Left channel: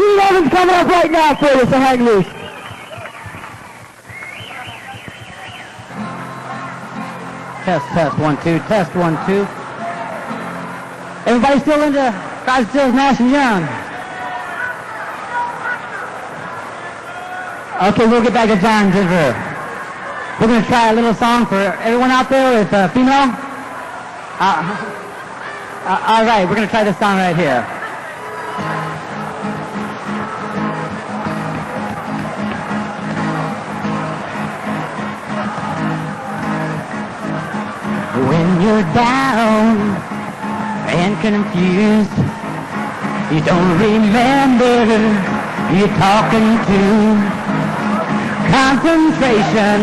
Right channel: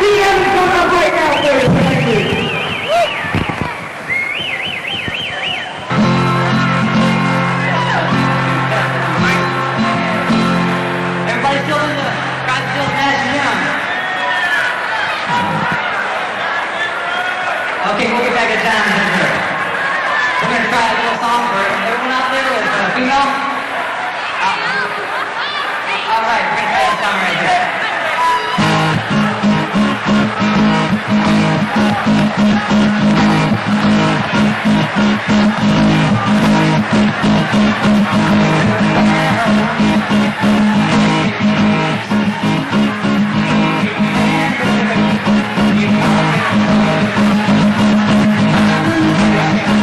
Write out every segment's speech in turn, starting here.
Pete Evans coming up right now for you, so hang loose. Test 1, 2, test 1, 2. Everybody still in the crowd still smashing young. Okay, we'll get back to John Ziegler. We're going to try a little song for everyone out there with female. All right, we're going to try this song right here. When you're down and confused, you don't remember who you're talking to. Concentration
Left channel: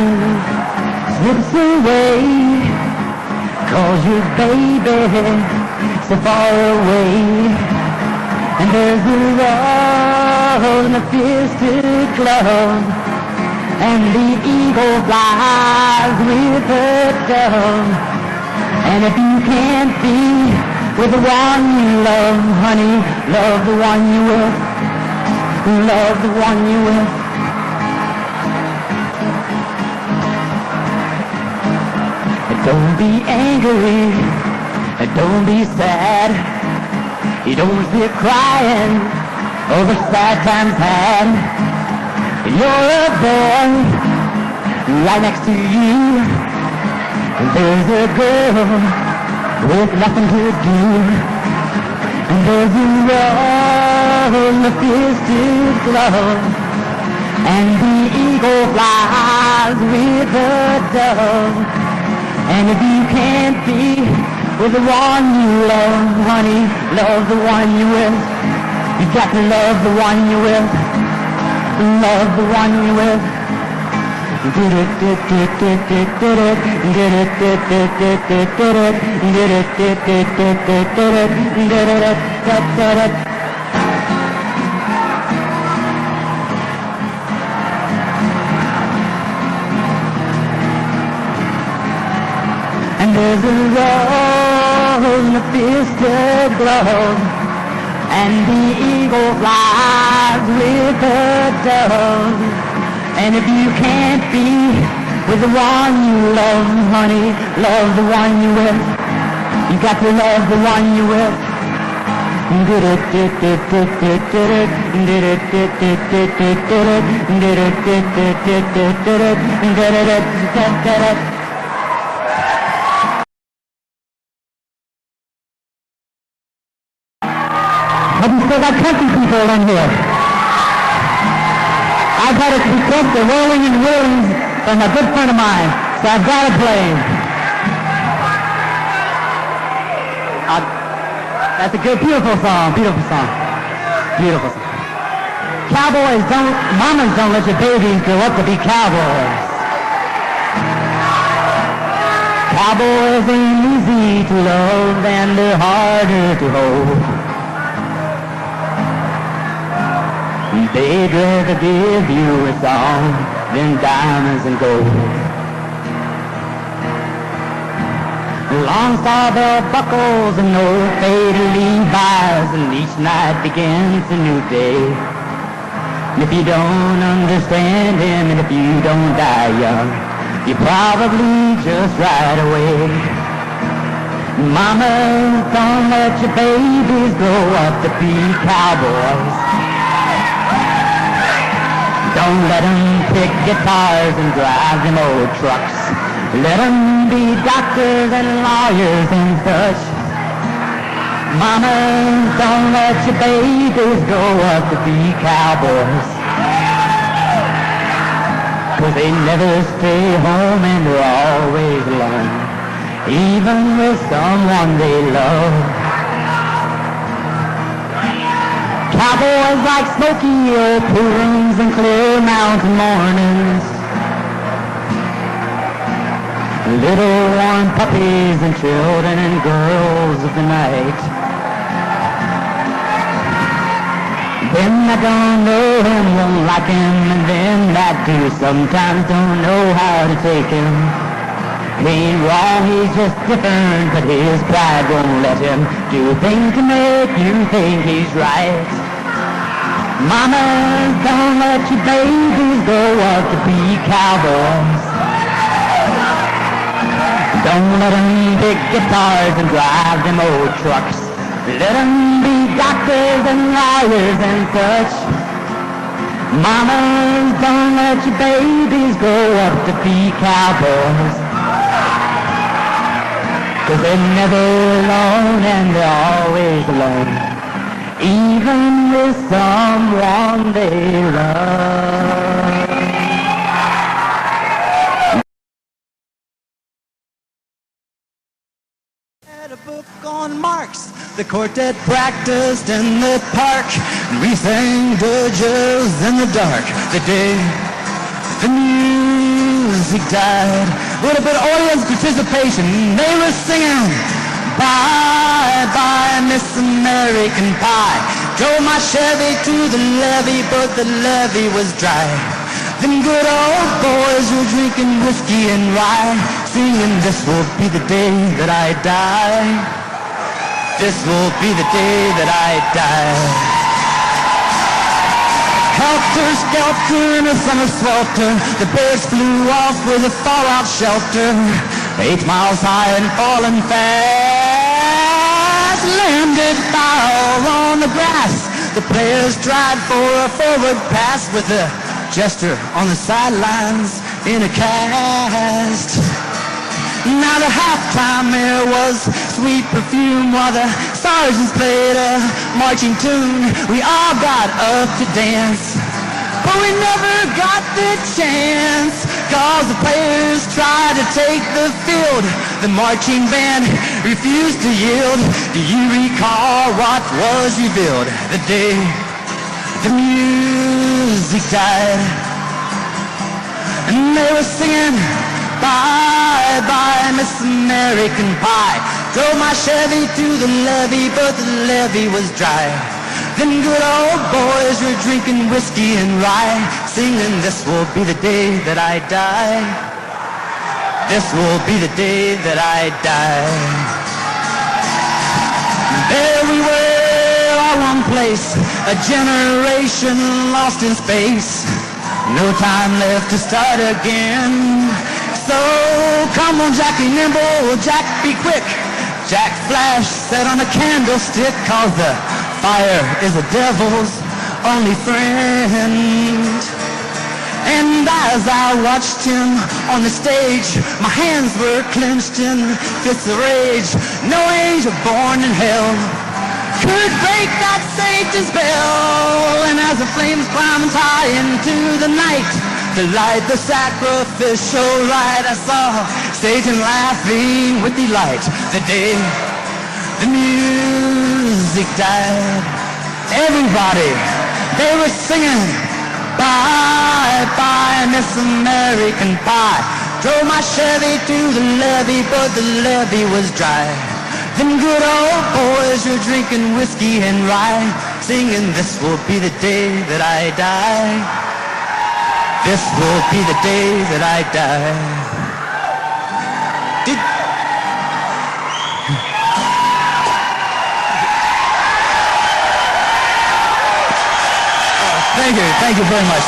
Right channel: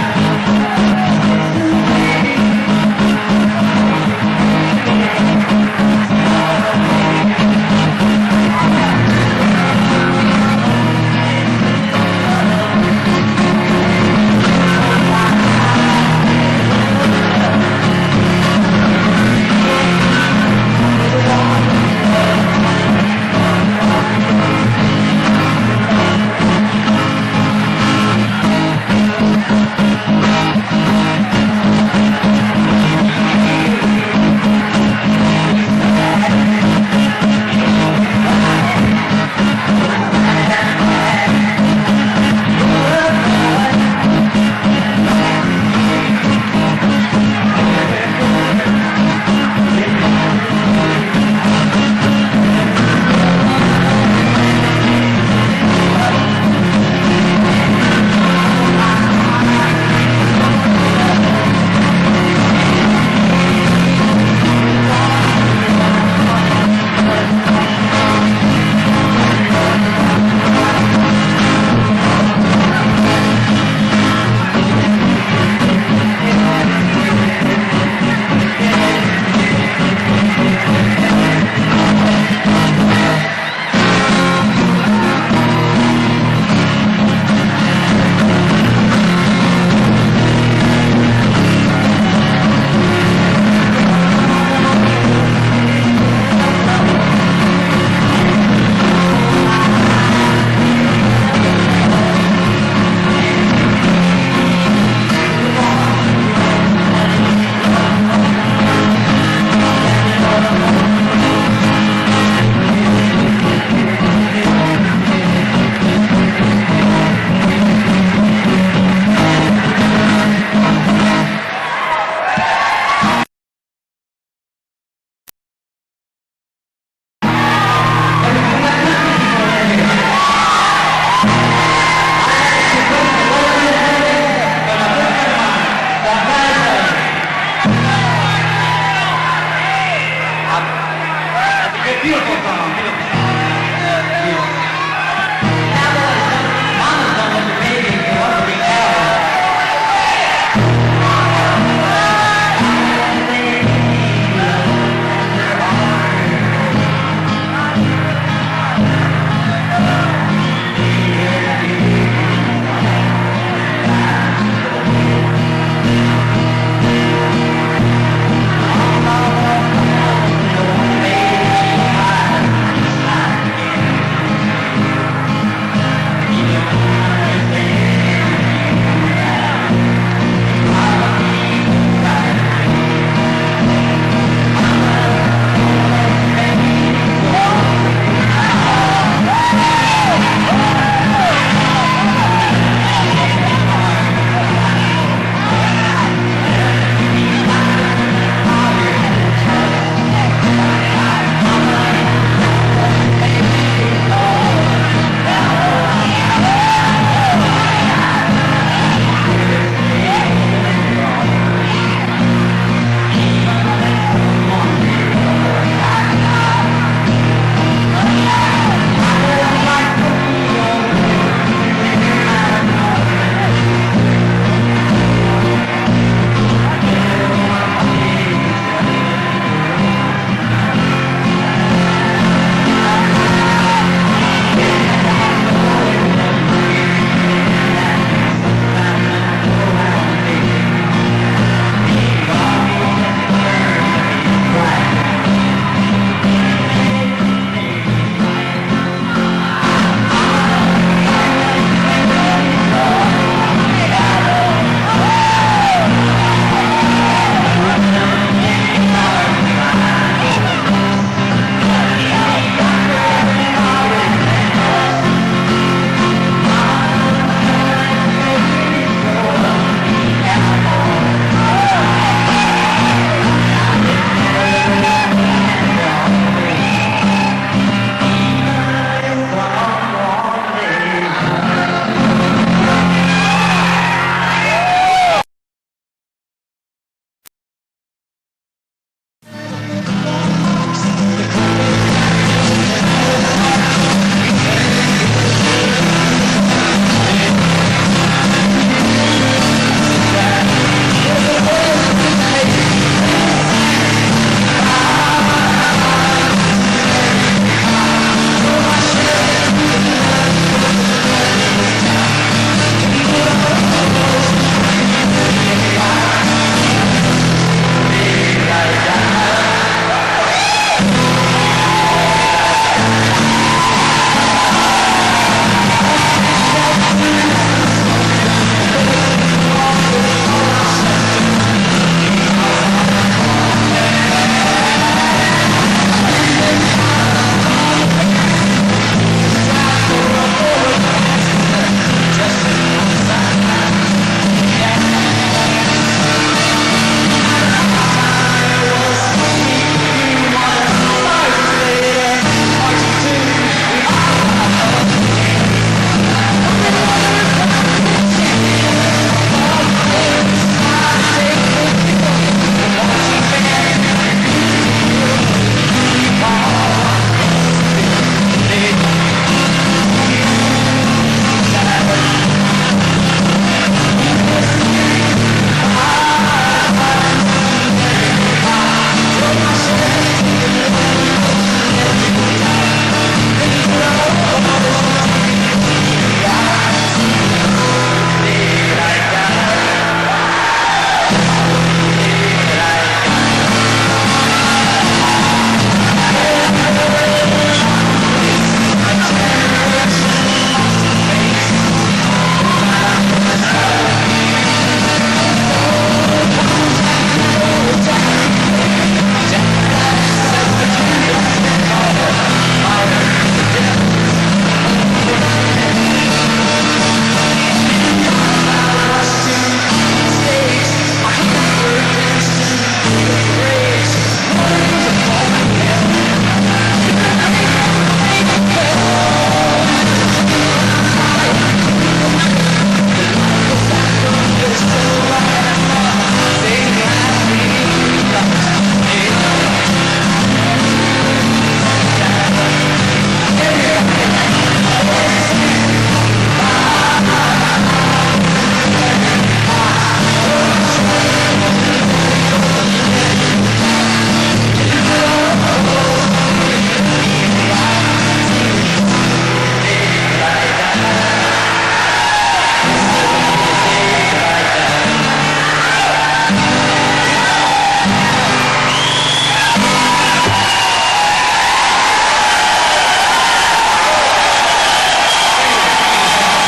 slips away, 'cause your baby so far away. And there's a love that gives to glow, and leaving goes live with a show. And if you can't be with the one you love, honey, love the one you love, love the one you love. Don't be angry, and don't be sad. You don't quit crying over sad and bad. You're a friend right next to you. And there's a girl with nothing to do. And there's a love that gives to love. And the eagle flies with a dove. And if you can't be with the one you love, honey, love the one you will. You got to love the one you will. Love the one you will. Beautiful song. Beautiful. Cowboys mamas don't let your babies grow up to be cowboys. Cowboys ain't easy to love and they're harder to hold. They dare to give you a song in diamonds and gold. Long saw the buckles and old fading fires, and each night begins a new day. And if you don't understand him, if you don't die young, you probably just ride away. Mama, don't let your babies grow up to be cowboys. Don't let them kick guitars and drive them old trucks. Let them be doctors and lawyers and trucks. Mama, don't let your babies grow up to be cowboys. Well, they never stay home and they're always alone, even with someone they love. Cowboys like smoky old tunes and clear mountain mornings. Little warm puppies and children and girls at night. Then I don't know him, don't like him, and then I do sometimes don't know how to take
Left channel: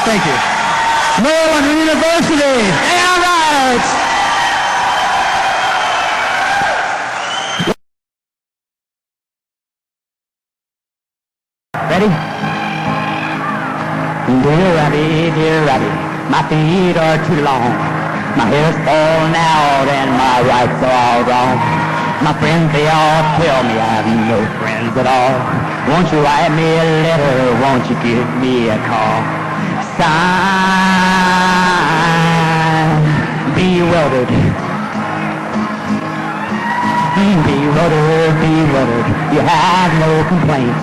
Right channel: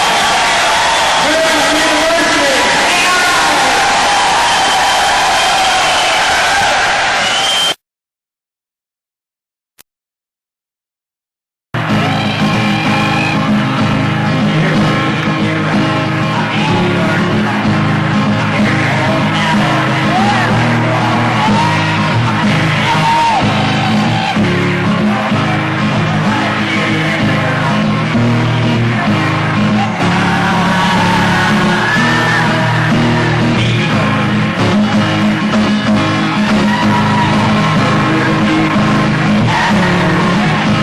Thank you. Maryland University. Damn right. Dear Rabbit, my feet are too long. My hair's falling out and my rights are all wrong. My friends, they all tell me I'm no friends at all. Won't you write me a letter? Won't you give me a call? Sign, bewildered. Bewildered. You have no complaint.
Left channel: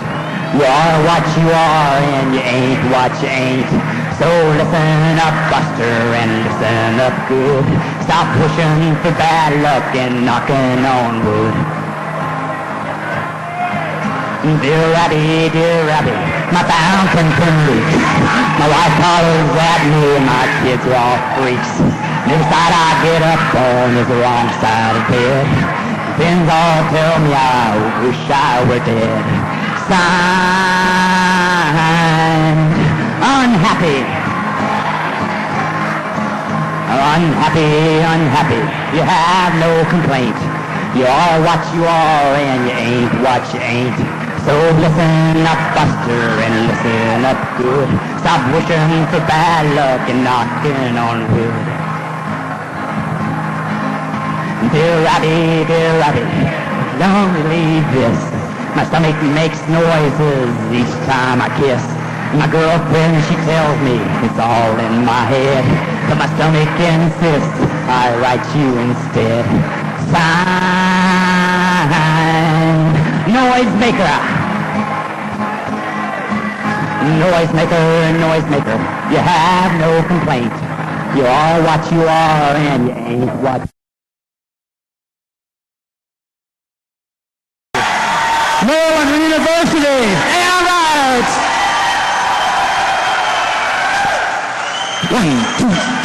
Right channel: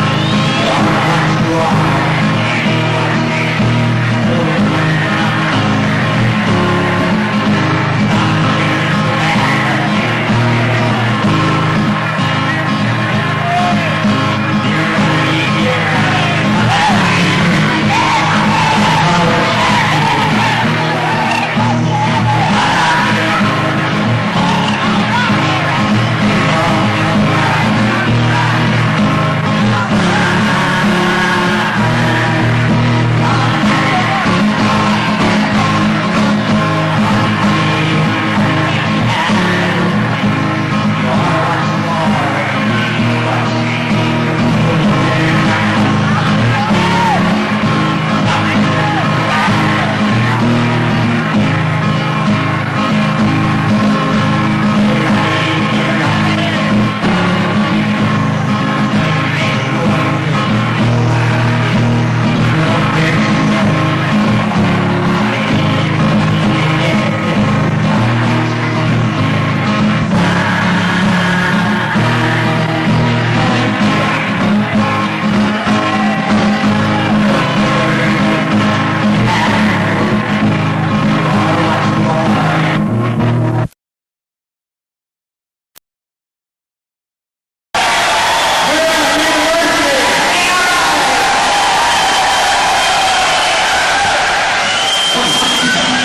You are what you are and you ain't what you ain't. So listen up, Buster, and listen up good. Stop wishing for bad luck and knocking on wood. Dear Rabbit, my fountain turns. My wife knows that me and my kids are all freaks. Decide I'll get up on the rock side hill. Then all tell me I wish I was there. Sign, unhappy. Unhappy, you have no complaint. You are what you are and you ain't what you ain't. So listen up, Buster, and listen up good. Stop wishing for bad luck and knocking on wood. Dear Rabbit, don't believe this. My stomach makes noises each time I kiss. My girlfriend, she tells me it's all in my head. But my stomach insists I write you instead. Sign, noise maker. Noise maker. You have no complaint. You are what you are and you ain't what. Maryland University. Damn right. 1, 2.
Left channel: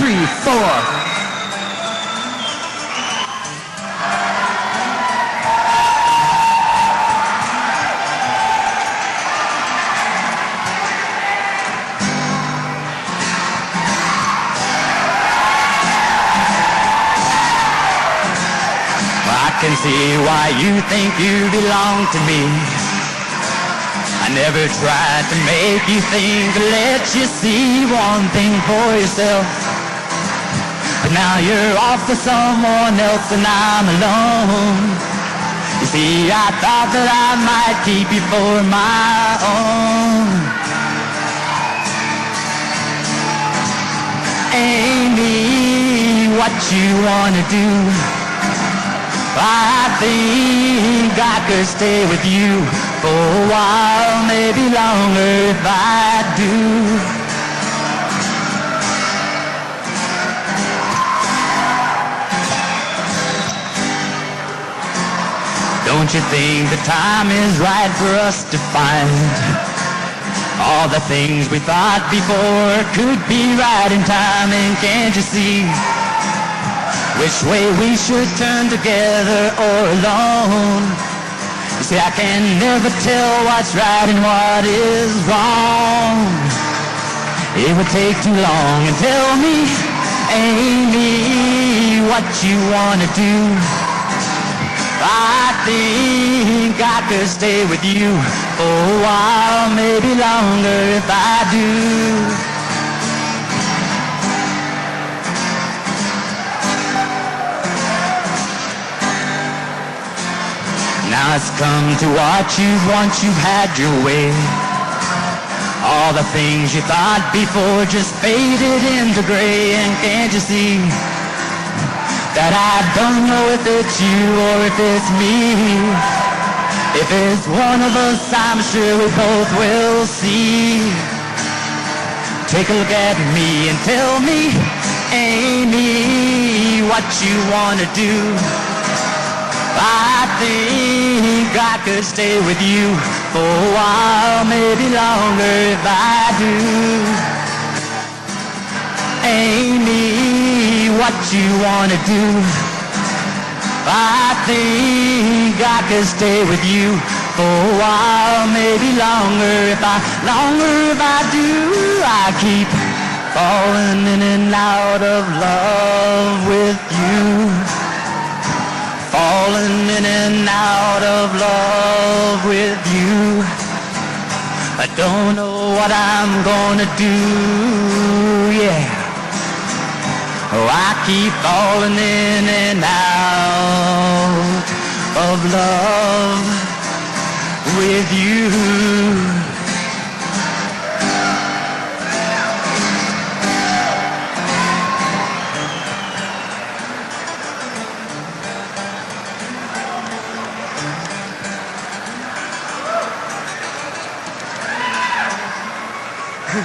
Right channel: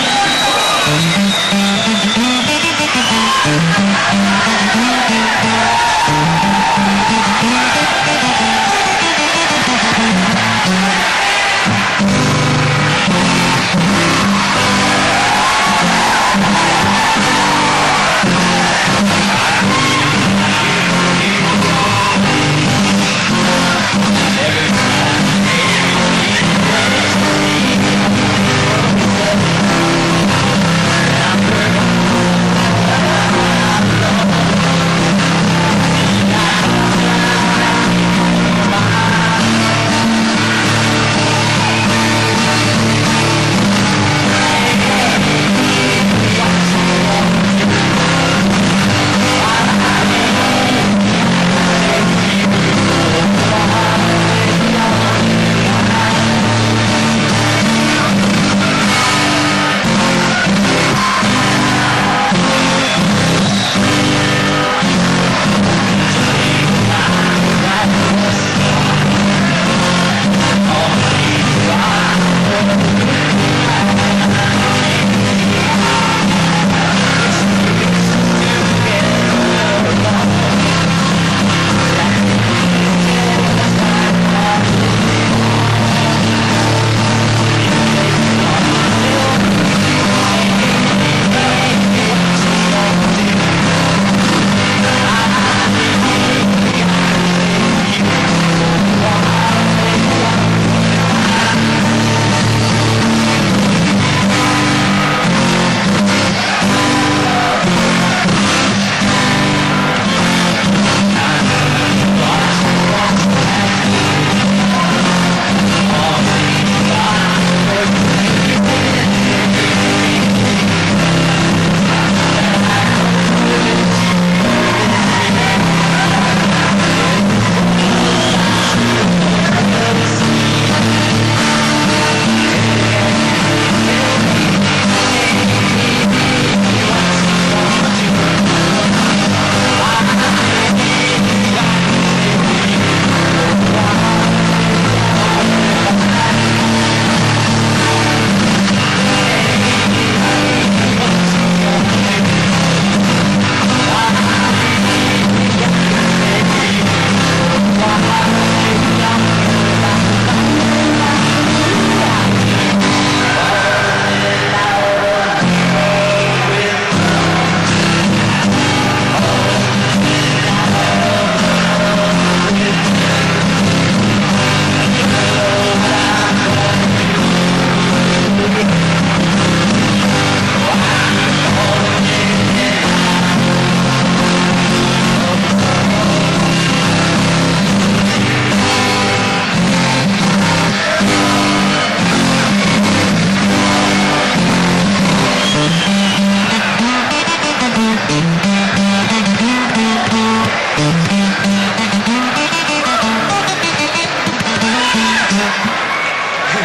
Look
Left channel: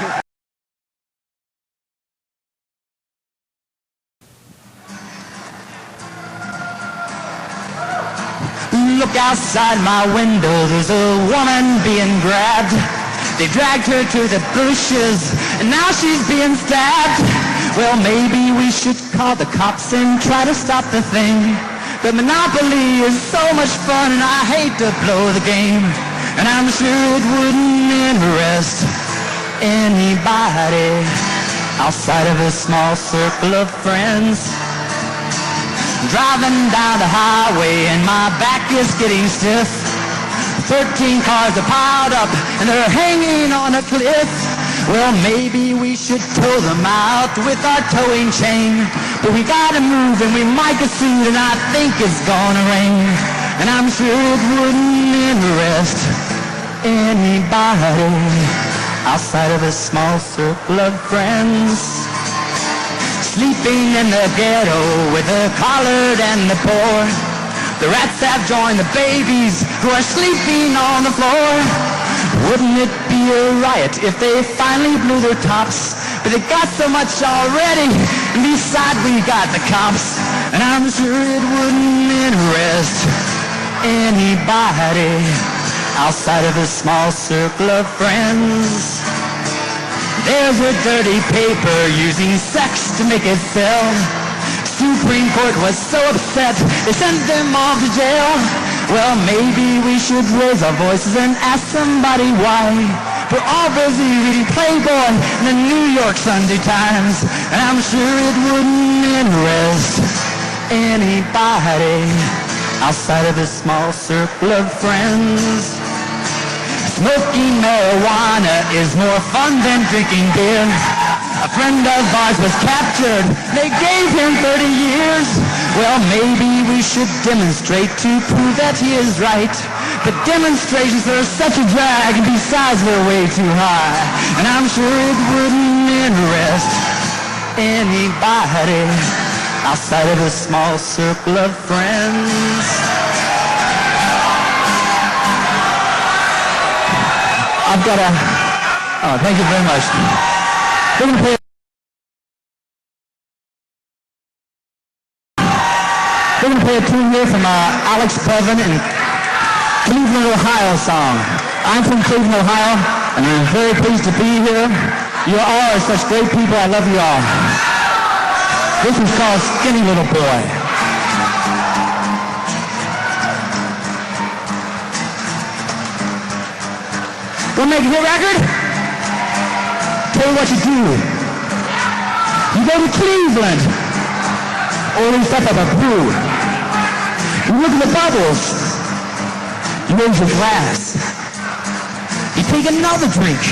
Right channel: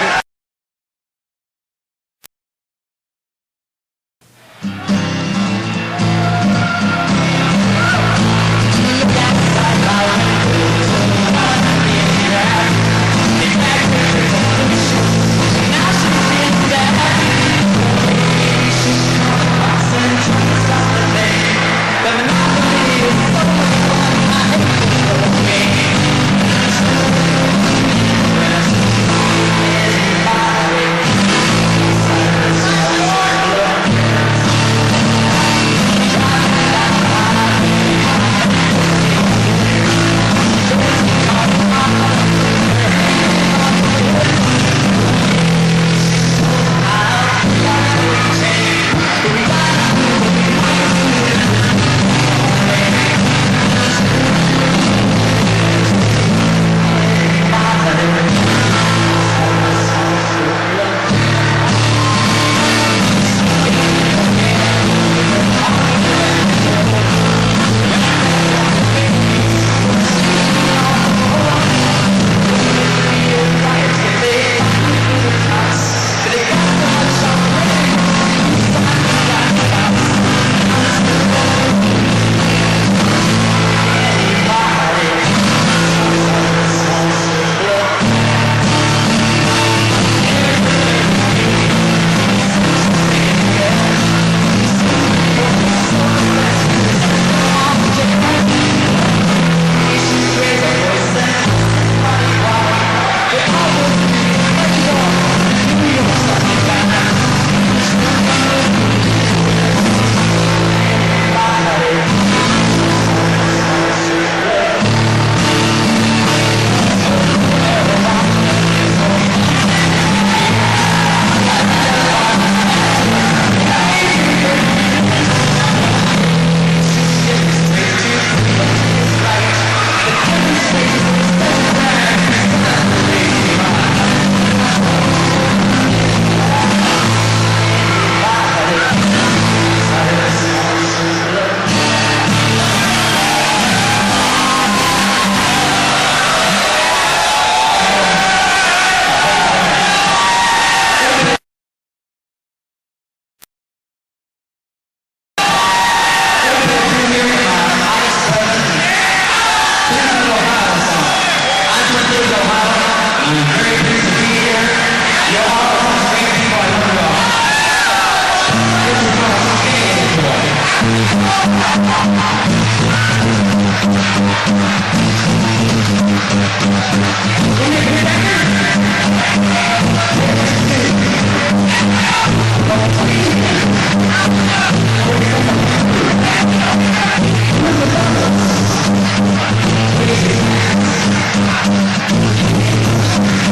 outside my window, there's a woman being dragged. They dragged her to the bushes, and now she's being stabbed. Well, maybe we should call the cops and try to stop the thing. The Monopoly is so much fun, and I hate to throw the game. And I'm sure it wouldn't interest anybody outside of a small circle of friends. Driving down the highway and my back is getting stiff. 13 cars are piled up and they're hanging on a cliff. Well, maybe we should tow them out with our towing chain. But we gotta move and we might get sued, and I think it's gonna rain. And I'm sure it wouldn't interest anybody outside of a small circle of friends. Sleeping in the ghetto with her collared and the poor. The rats that join the babies who are sleeping on the floor. Wouldn't it be a riot if they finally blew their tops? Cause they got so much already, and besides we got the cops. And I'm sure it wouldn't interest anybody outside of a small circle of friends. Here's a dirty paper using sex to make it sell. Supreme Court was so upset, they sent them all to jail. Well, maybe we should raise our voices and ask somebody why. For all those reading Playboy in the New York Sunday Times. And I'm sure it wouldn't interest anybody outside of a small circle of friends. Smoking marijuana is more fun than drinking beer. A friend of ours was captured, they gave him 30 years. Well, maybe we should demonstrate to prove that he is right. The demonstrations are such a drag, besides we're way too high. And I'm sure it wouldn't interest anybody outside of a small circle of friends. Thank you very much. Didn't play a tune here from Alex Preston and Cleveland, Ohio song. I'm from Cleveland, Ohio, and I'm very pleased to be here. You all are such great people. I love you all. This is called Skinny Little Boy. We'll make a good record. Tell me what you do. You go to Cleveland, or you set up a crew. You look at the bubbles. Raise your glass. You take another drink.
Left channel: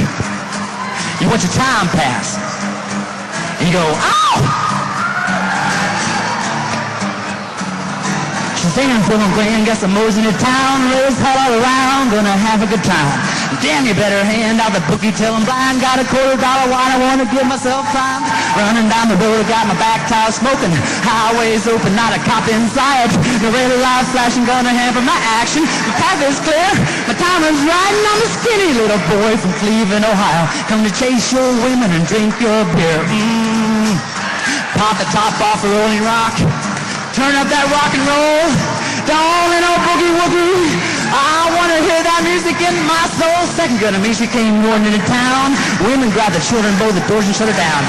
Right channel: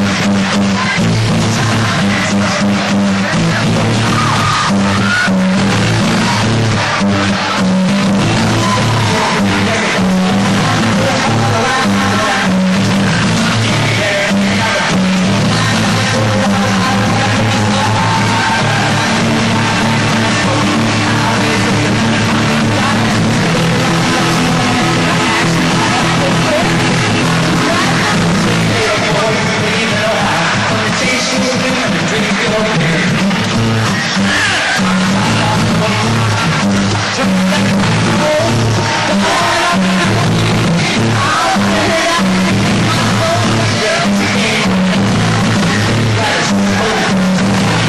You watch your time pass. You go, ow! She stands in the rain, gets the most in the town, moves all around, and I have a good time. Damn, you better hand out the cookie till I'm blind. Got a $2 wine, I wanna kill myself fine. Running down the road, got my back tires smoking. Highways open, not a cop inside. The red lights flashing, gonna have my action. All this clear, the time is riding. I'm a skinny little boy from Cleveland, Ohio. Come to chase your women and drink your beer. Pop the top off the rolling rock. Turn up that rock and roll. Don't let no boogie woogie. I wanna hear that music in my soul. Second grade music ain't going into town. Women got the children, blow the doors and shut it down.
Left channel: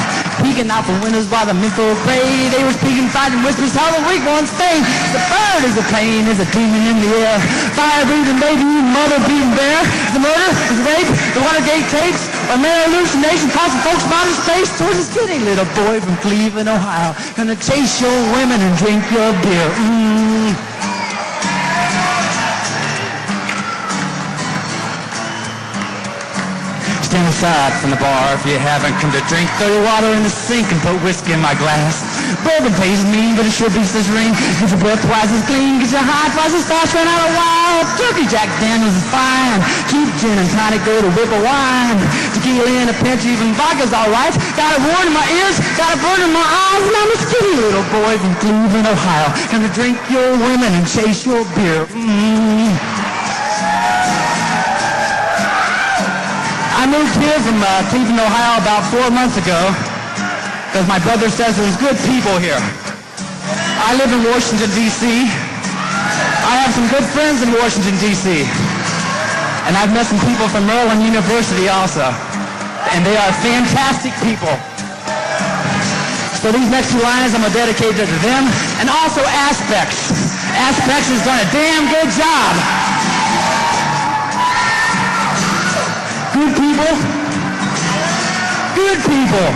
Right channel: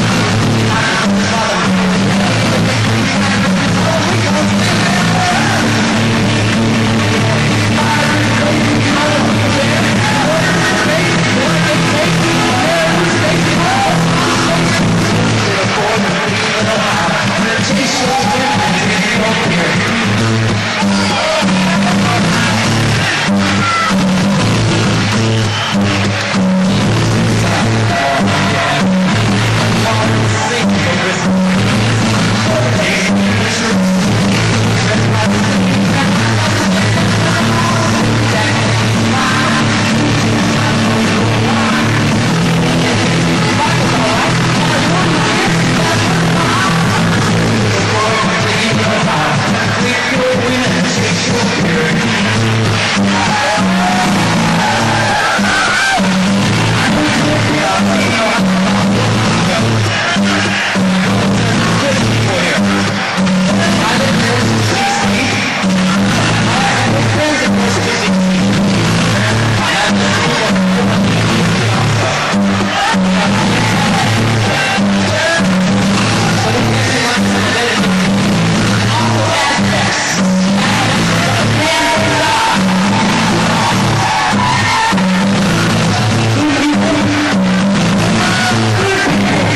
Peeking out the windows while the people pray. They were speaking, fighting whispers, all Rico on stage. The burn is the pain, there's a booming in the air. Fire breathing, baby, mother breathing bear. The murder, the rape, the Watergate tapes. A mere hallucination causing folks around the place. Towards the skinny little boy from Cleveland, Ohio. Gonna chase your women and drink your beer. Stand aside from the bar, you have a cup of drink. The water in the sink and put whiskey in my glass. Bourbon tastes mean, but it sure beats the drink. Keep your breath twice as clean, get your high flashes fast and out of line. Turkey Jack Daniels is fine. Keep gin and tonic with a little wine. Tequila in the pantries and vodka's alright. Got a warm in my ears, got a burn in my eyes. And I'm a silly little boy from Cleveland, Ohio. Gonna drink your women and chase your beer. I know it's here from Cleveland, Ohio. Washington, D.C. I have some good friends in Washington, D.C. And I've met some people from Maryland University also. And they are fantastic people. So these next two lines I'm going to dedicate to them and also Aspects. Aspects has done a damn good job. Good people. Good people.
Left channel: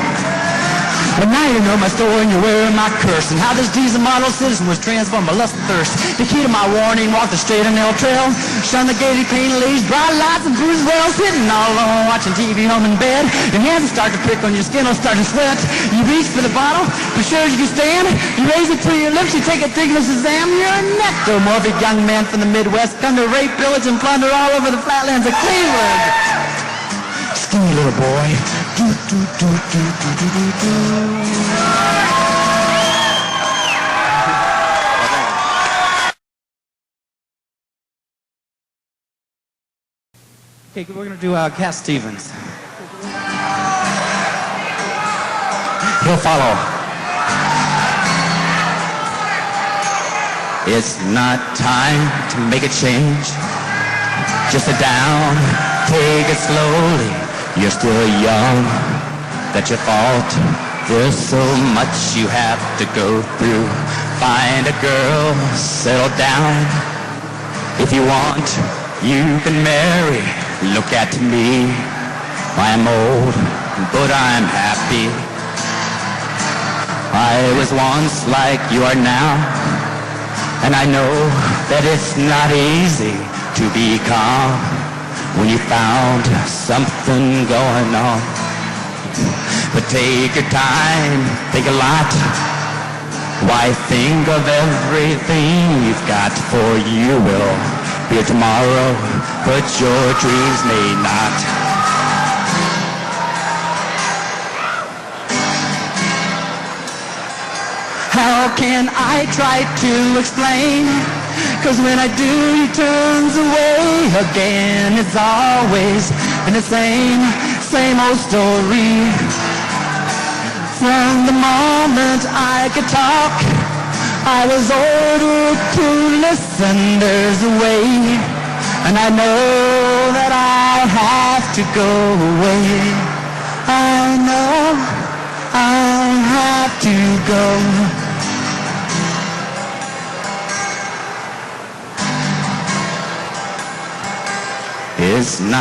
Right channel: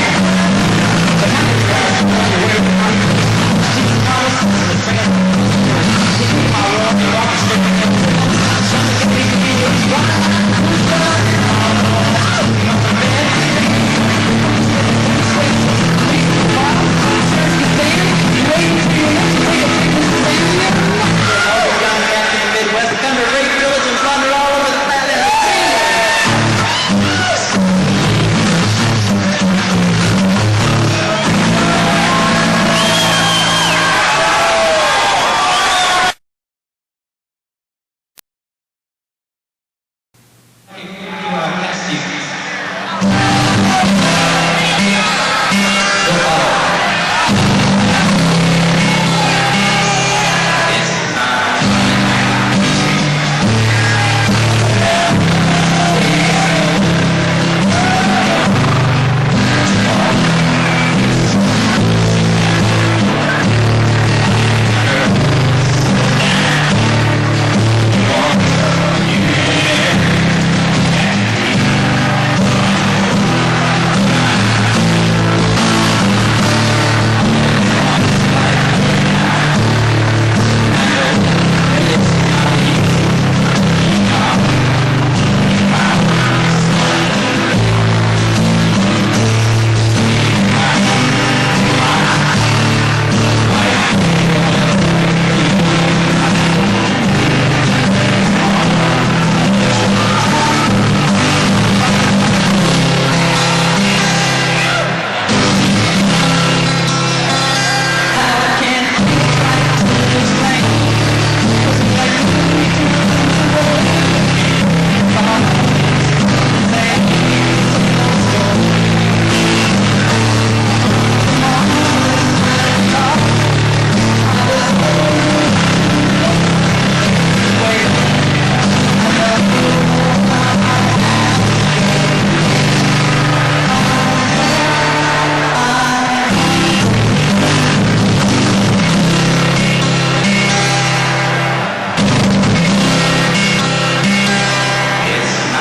But now you know my story and you're wearing my curse. How does Jesus model citizen was transformed by lust and curse? You heed my warning, walk the straight in the hotel. Shun the gaily dailies, bright lights and cruise well. Sitting all alone, watching TV home in bed. Your hands start to prick on your skin, will start to sweat. You reach to the bottle, you surge you stand. You raise it to your lips, you take the figures exam. You're a nectar, morbid young man from the Midwest. Thunder, rape, pillage, and plunder all over the flatlands of Cleveland. Still a little boy. Okay, we'll do Cat Stevens. We'll follow. It's not time to make a change. Just sit down, take it slow. You're still young, that's your fault. There's so much you have to go through. Find a girl, settle down. If you want, you can marry. Look at me, I'm old, but I'm happy. I was once like you are now, and I know that it's not easy to be calm when you found something going on. But take your time, take a lot. Why think of everything you've got for you will be tomorrow, but your dreams may not. How can I try to explain? 'Cause when I do, he turns away again. It's always the same old story. From the moment I could talk, I was old enough to listen. There's a way, and I know that I'll have to go away. Oh no, I have to go. It's not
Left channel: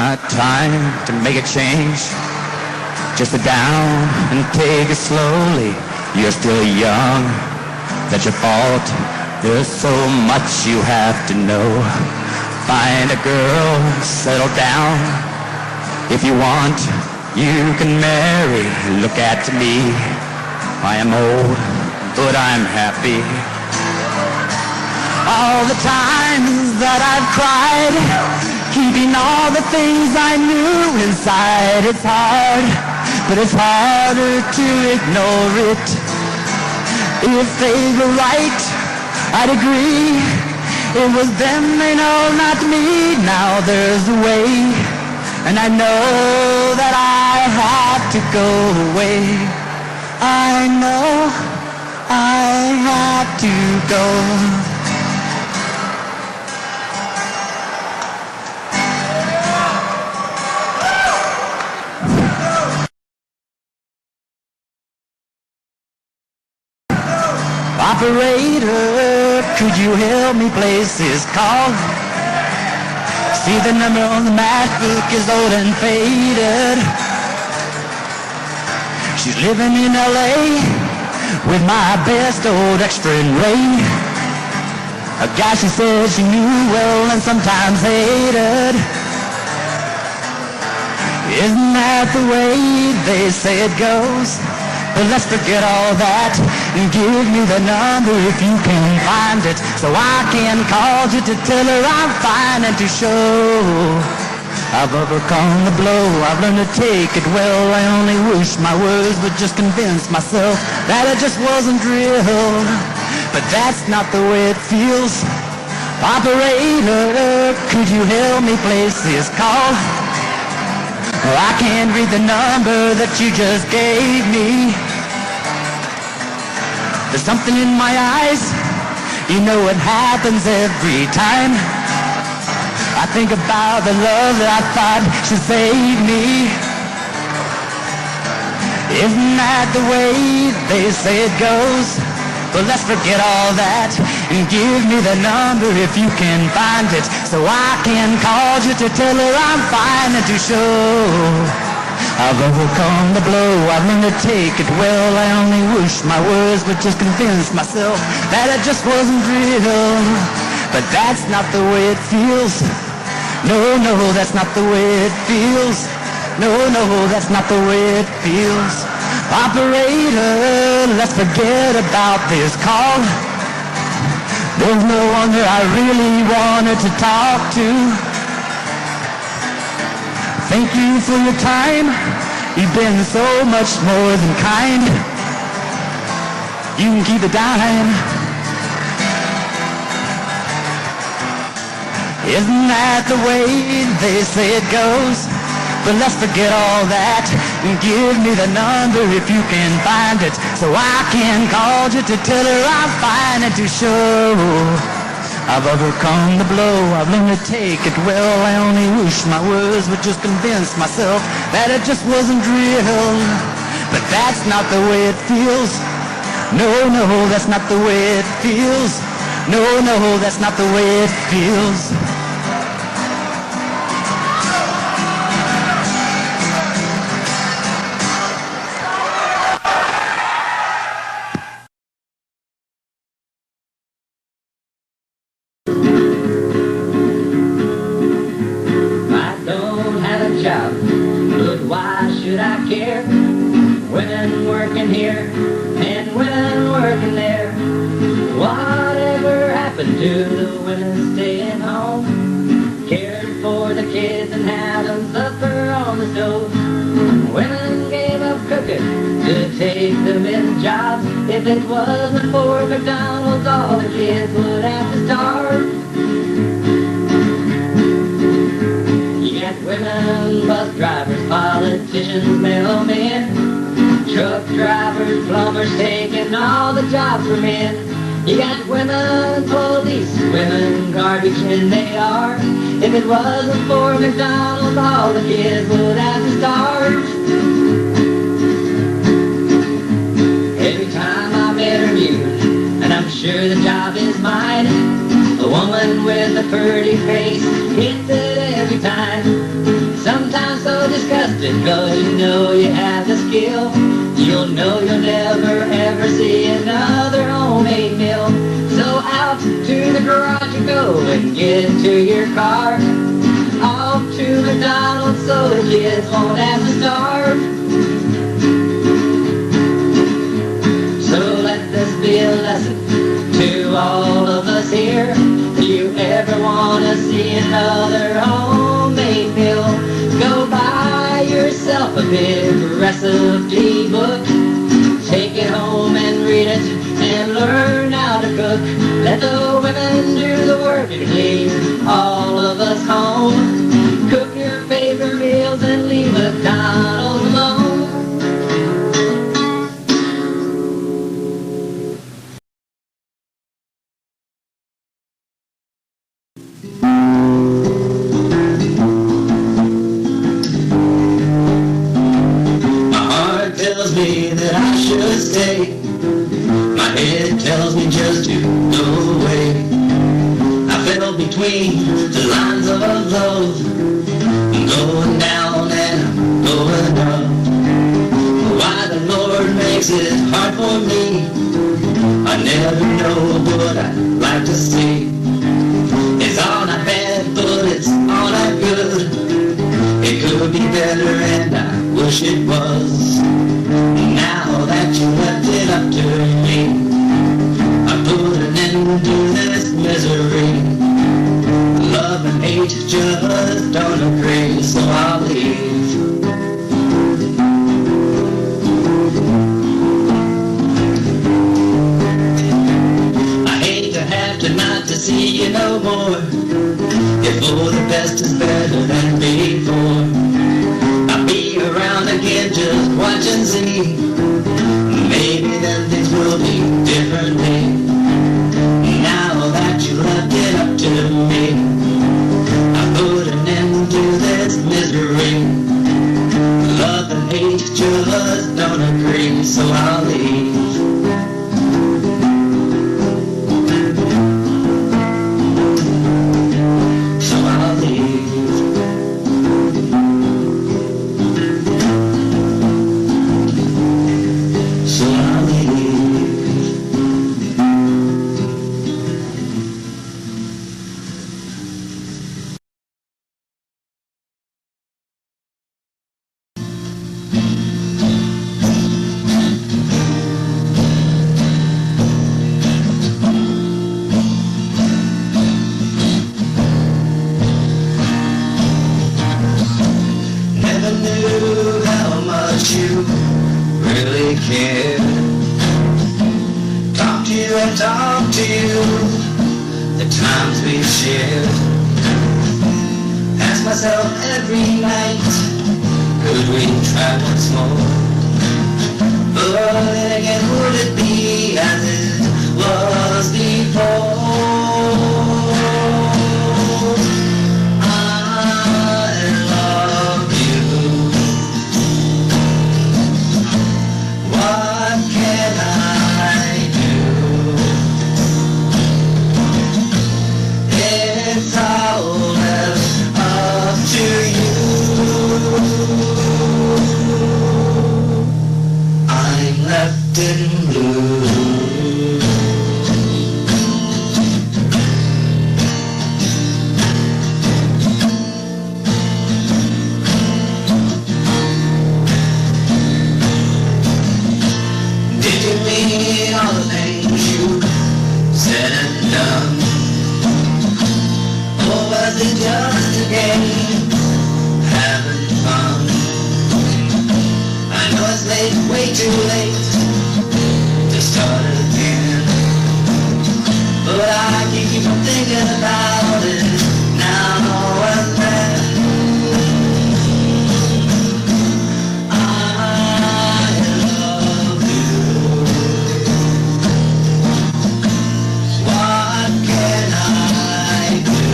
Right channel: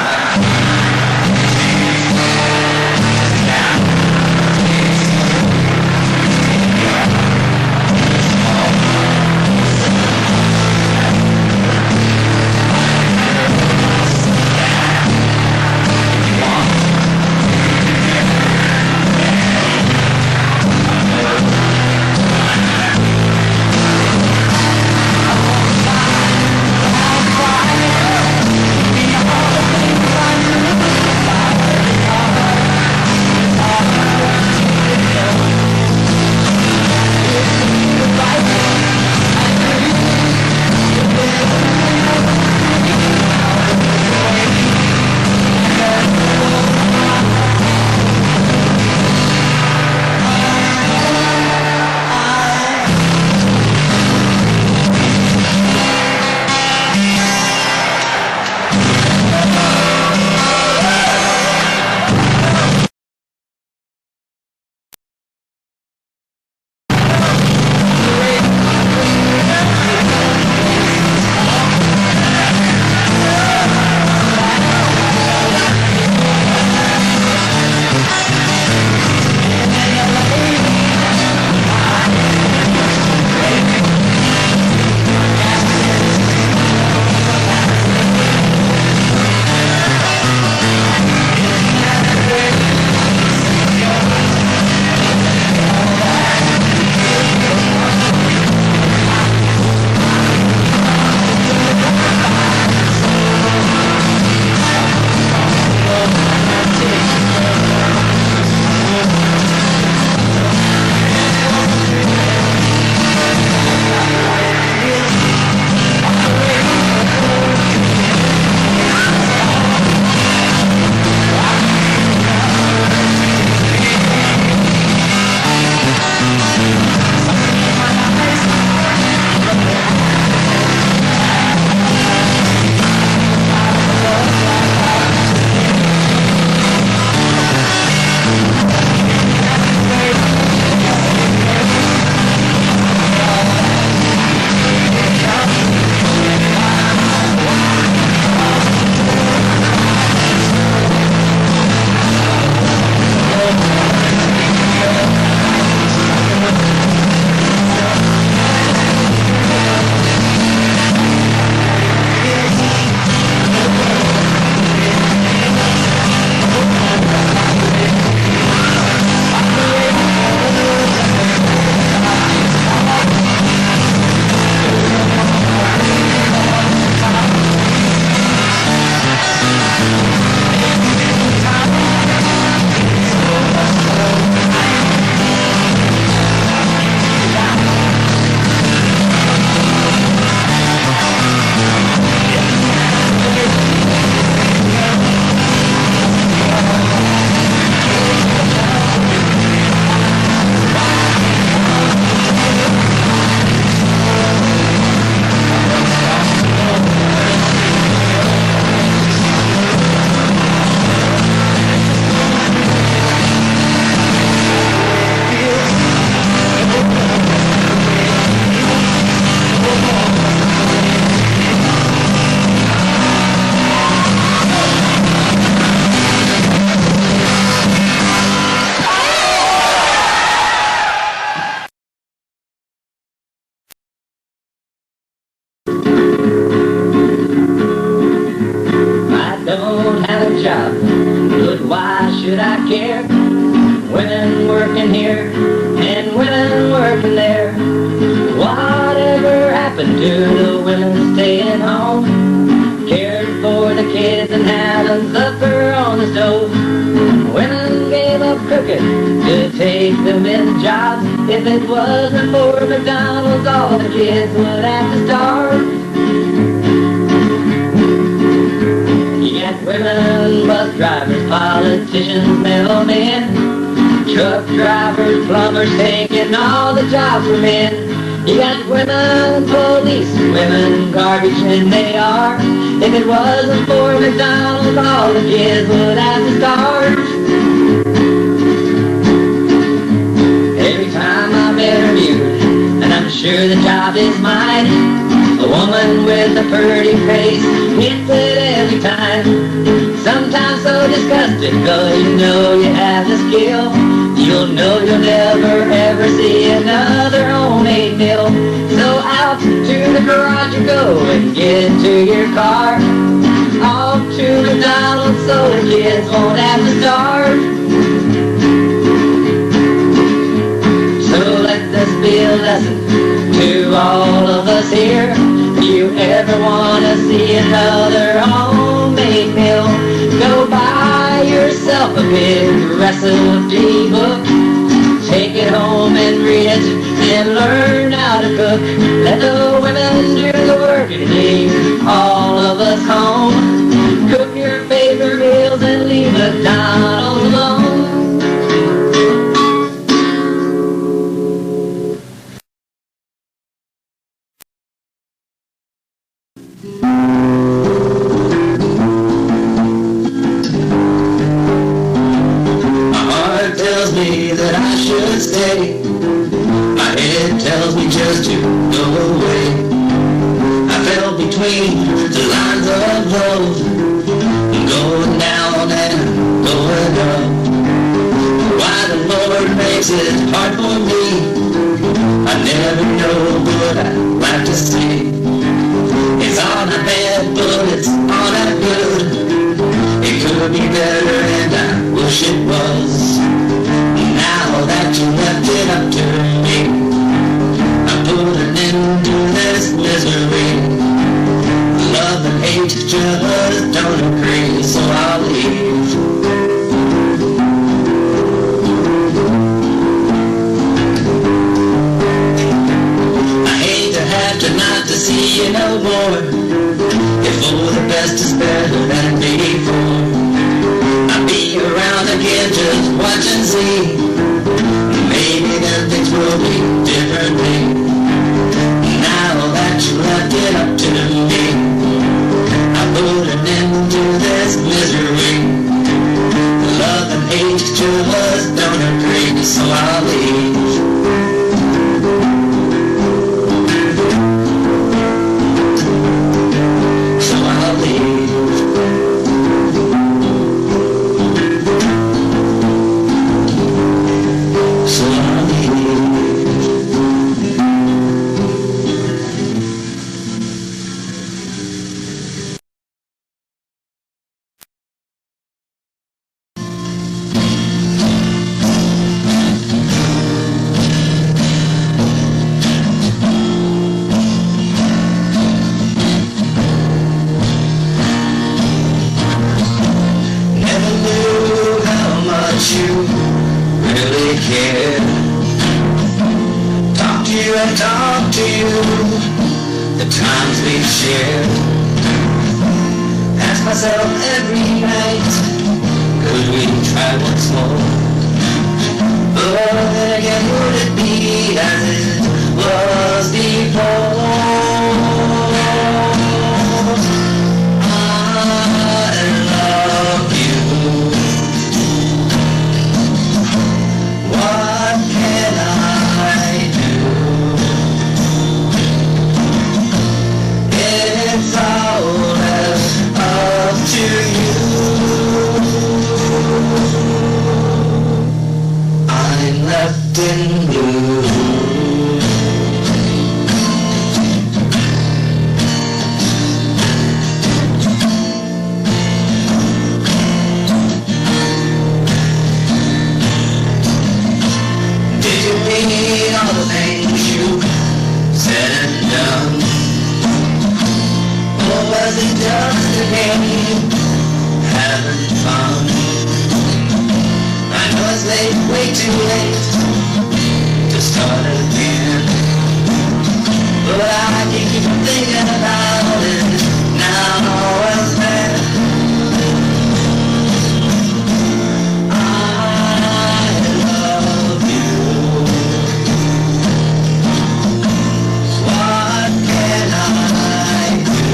wasn't kind. You can keep it down. Isn't that the way they say it goes? But let's forget all that and give me the number if you can find it, so I can call you till I find it to show. I've overcome the blow, I really take it well. I only wish my words would just convince myself that it just wasn't real. That's not the way it feels. No, no, that's not the way it feels. No, no, that's not the way it feels. But why should I care? Women working here and women working there. Whatever happened to the women staying home, caring for the kids and having supper on the stove? Women gave up cooking to take the men's jobs. If it wasn't for McDonald's, all the kids would have to starve. Women, bus drivers, politicians, mailmen, truck drivers, plumbers, taking all the jobs for men. You got women police, women garbage, and they are. If it wasn't for McDonald's, all the kids would have to starve. Every time I'm interviewed, and I'm sure the job is mine, a woman with a pretty face hits it every time. Sometimes so disgusted, cause you know you have the skill. You'll know you'll never ever see another homemade meal. So out to the garage you go and get into your car. Off to McDonald's so the kids won't have to starve. So let this be a lesson to all of us here. If you ever want to see another homemade meal, go buy yourself a big recipe book. Take it home and read it and learn how to cook. Let the women do the work and leave all of us home. Cook your favorite meals and leave McDonald's alone. That I should stay. My head tells me just to go away. I fell between the lines of love, going down and going up. Why the Lord makes it hard for me, I never know, but I like to see. It's all not bad, but it's all not good. It could be better and I wish it was. Now that you left it up to me, I put an end to this misery. Love and hate just don't agree, so I'll leave. I hate to have to not to see you no more. If for the best is better than before, I'll be around again, just watch and see. Maybe then things will be differently. Now that you left it up to me, I put an end to this misery. Love and hate just don't agree, so I'll leave. So I'll leave. care. Talk to you and talk to you, the times we've shared. Ask myself every night, could we try once more? But then again, would it be as it was before? I love you. What can I do? It's all left up to you. I'm left in blue. Did you mean all the things you said and done? Or was it just a game, having fun? I know it's late, way too late to start again, but I can't keep on thinking about it now and then. I love you. What can I do?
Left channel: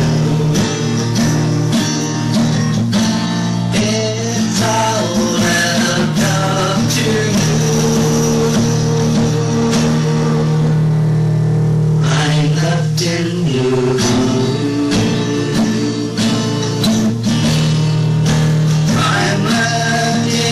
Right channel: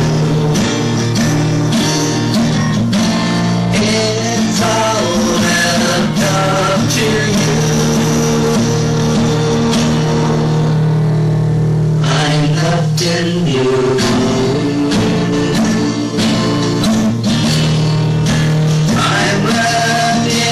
It's all left up to you. I'm left in blue. I'm left in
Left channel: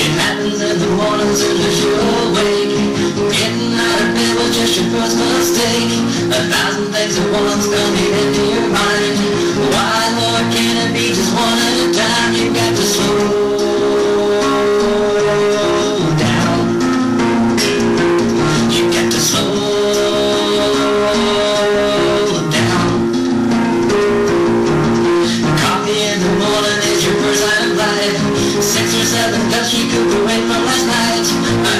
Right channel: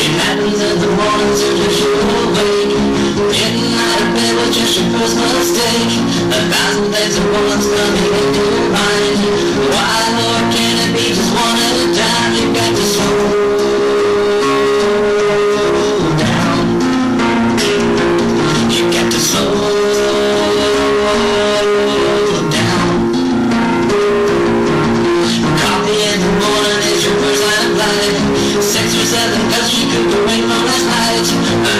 It happens in the mornings as you're awake, getting out of bed was just your first mistake. 1,000 things at once coming into your mind. Why, Lord, can't it be just one at a time? You got to slow down. You got to slow down. Coffee in the morning is your first line of life. 6 or 7 cups you could away from last night.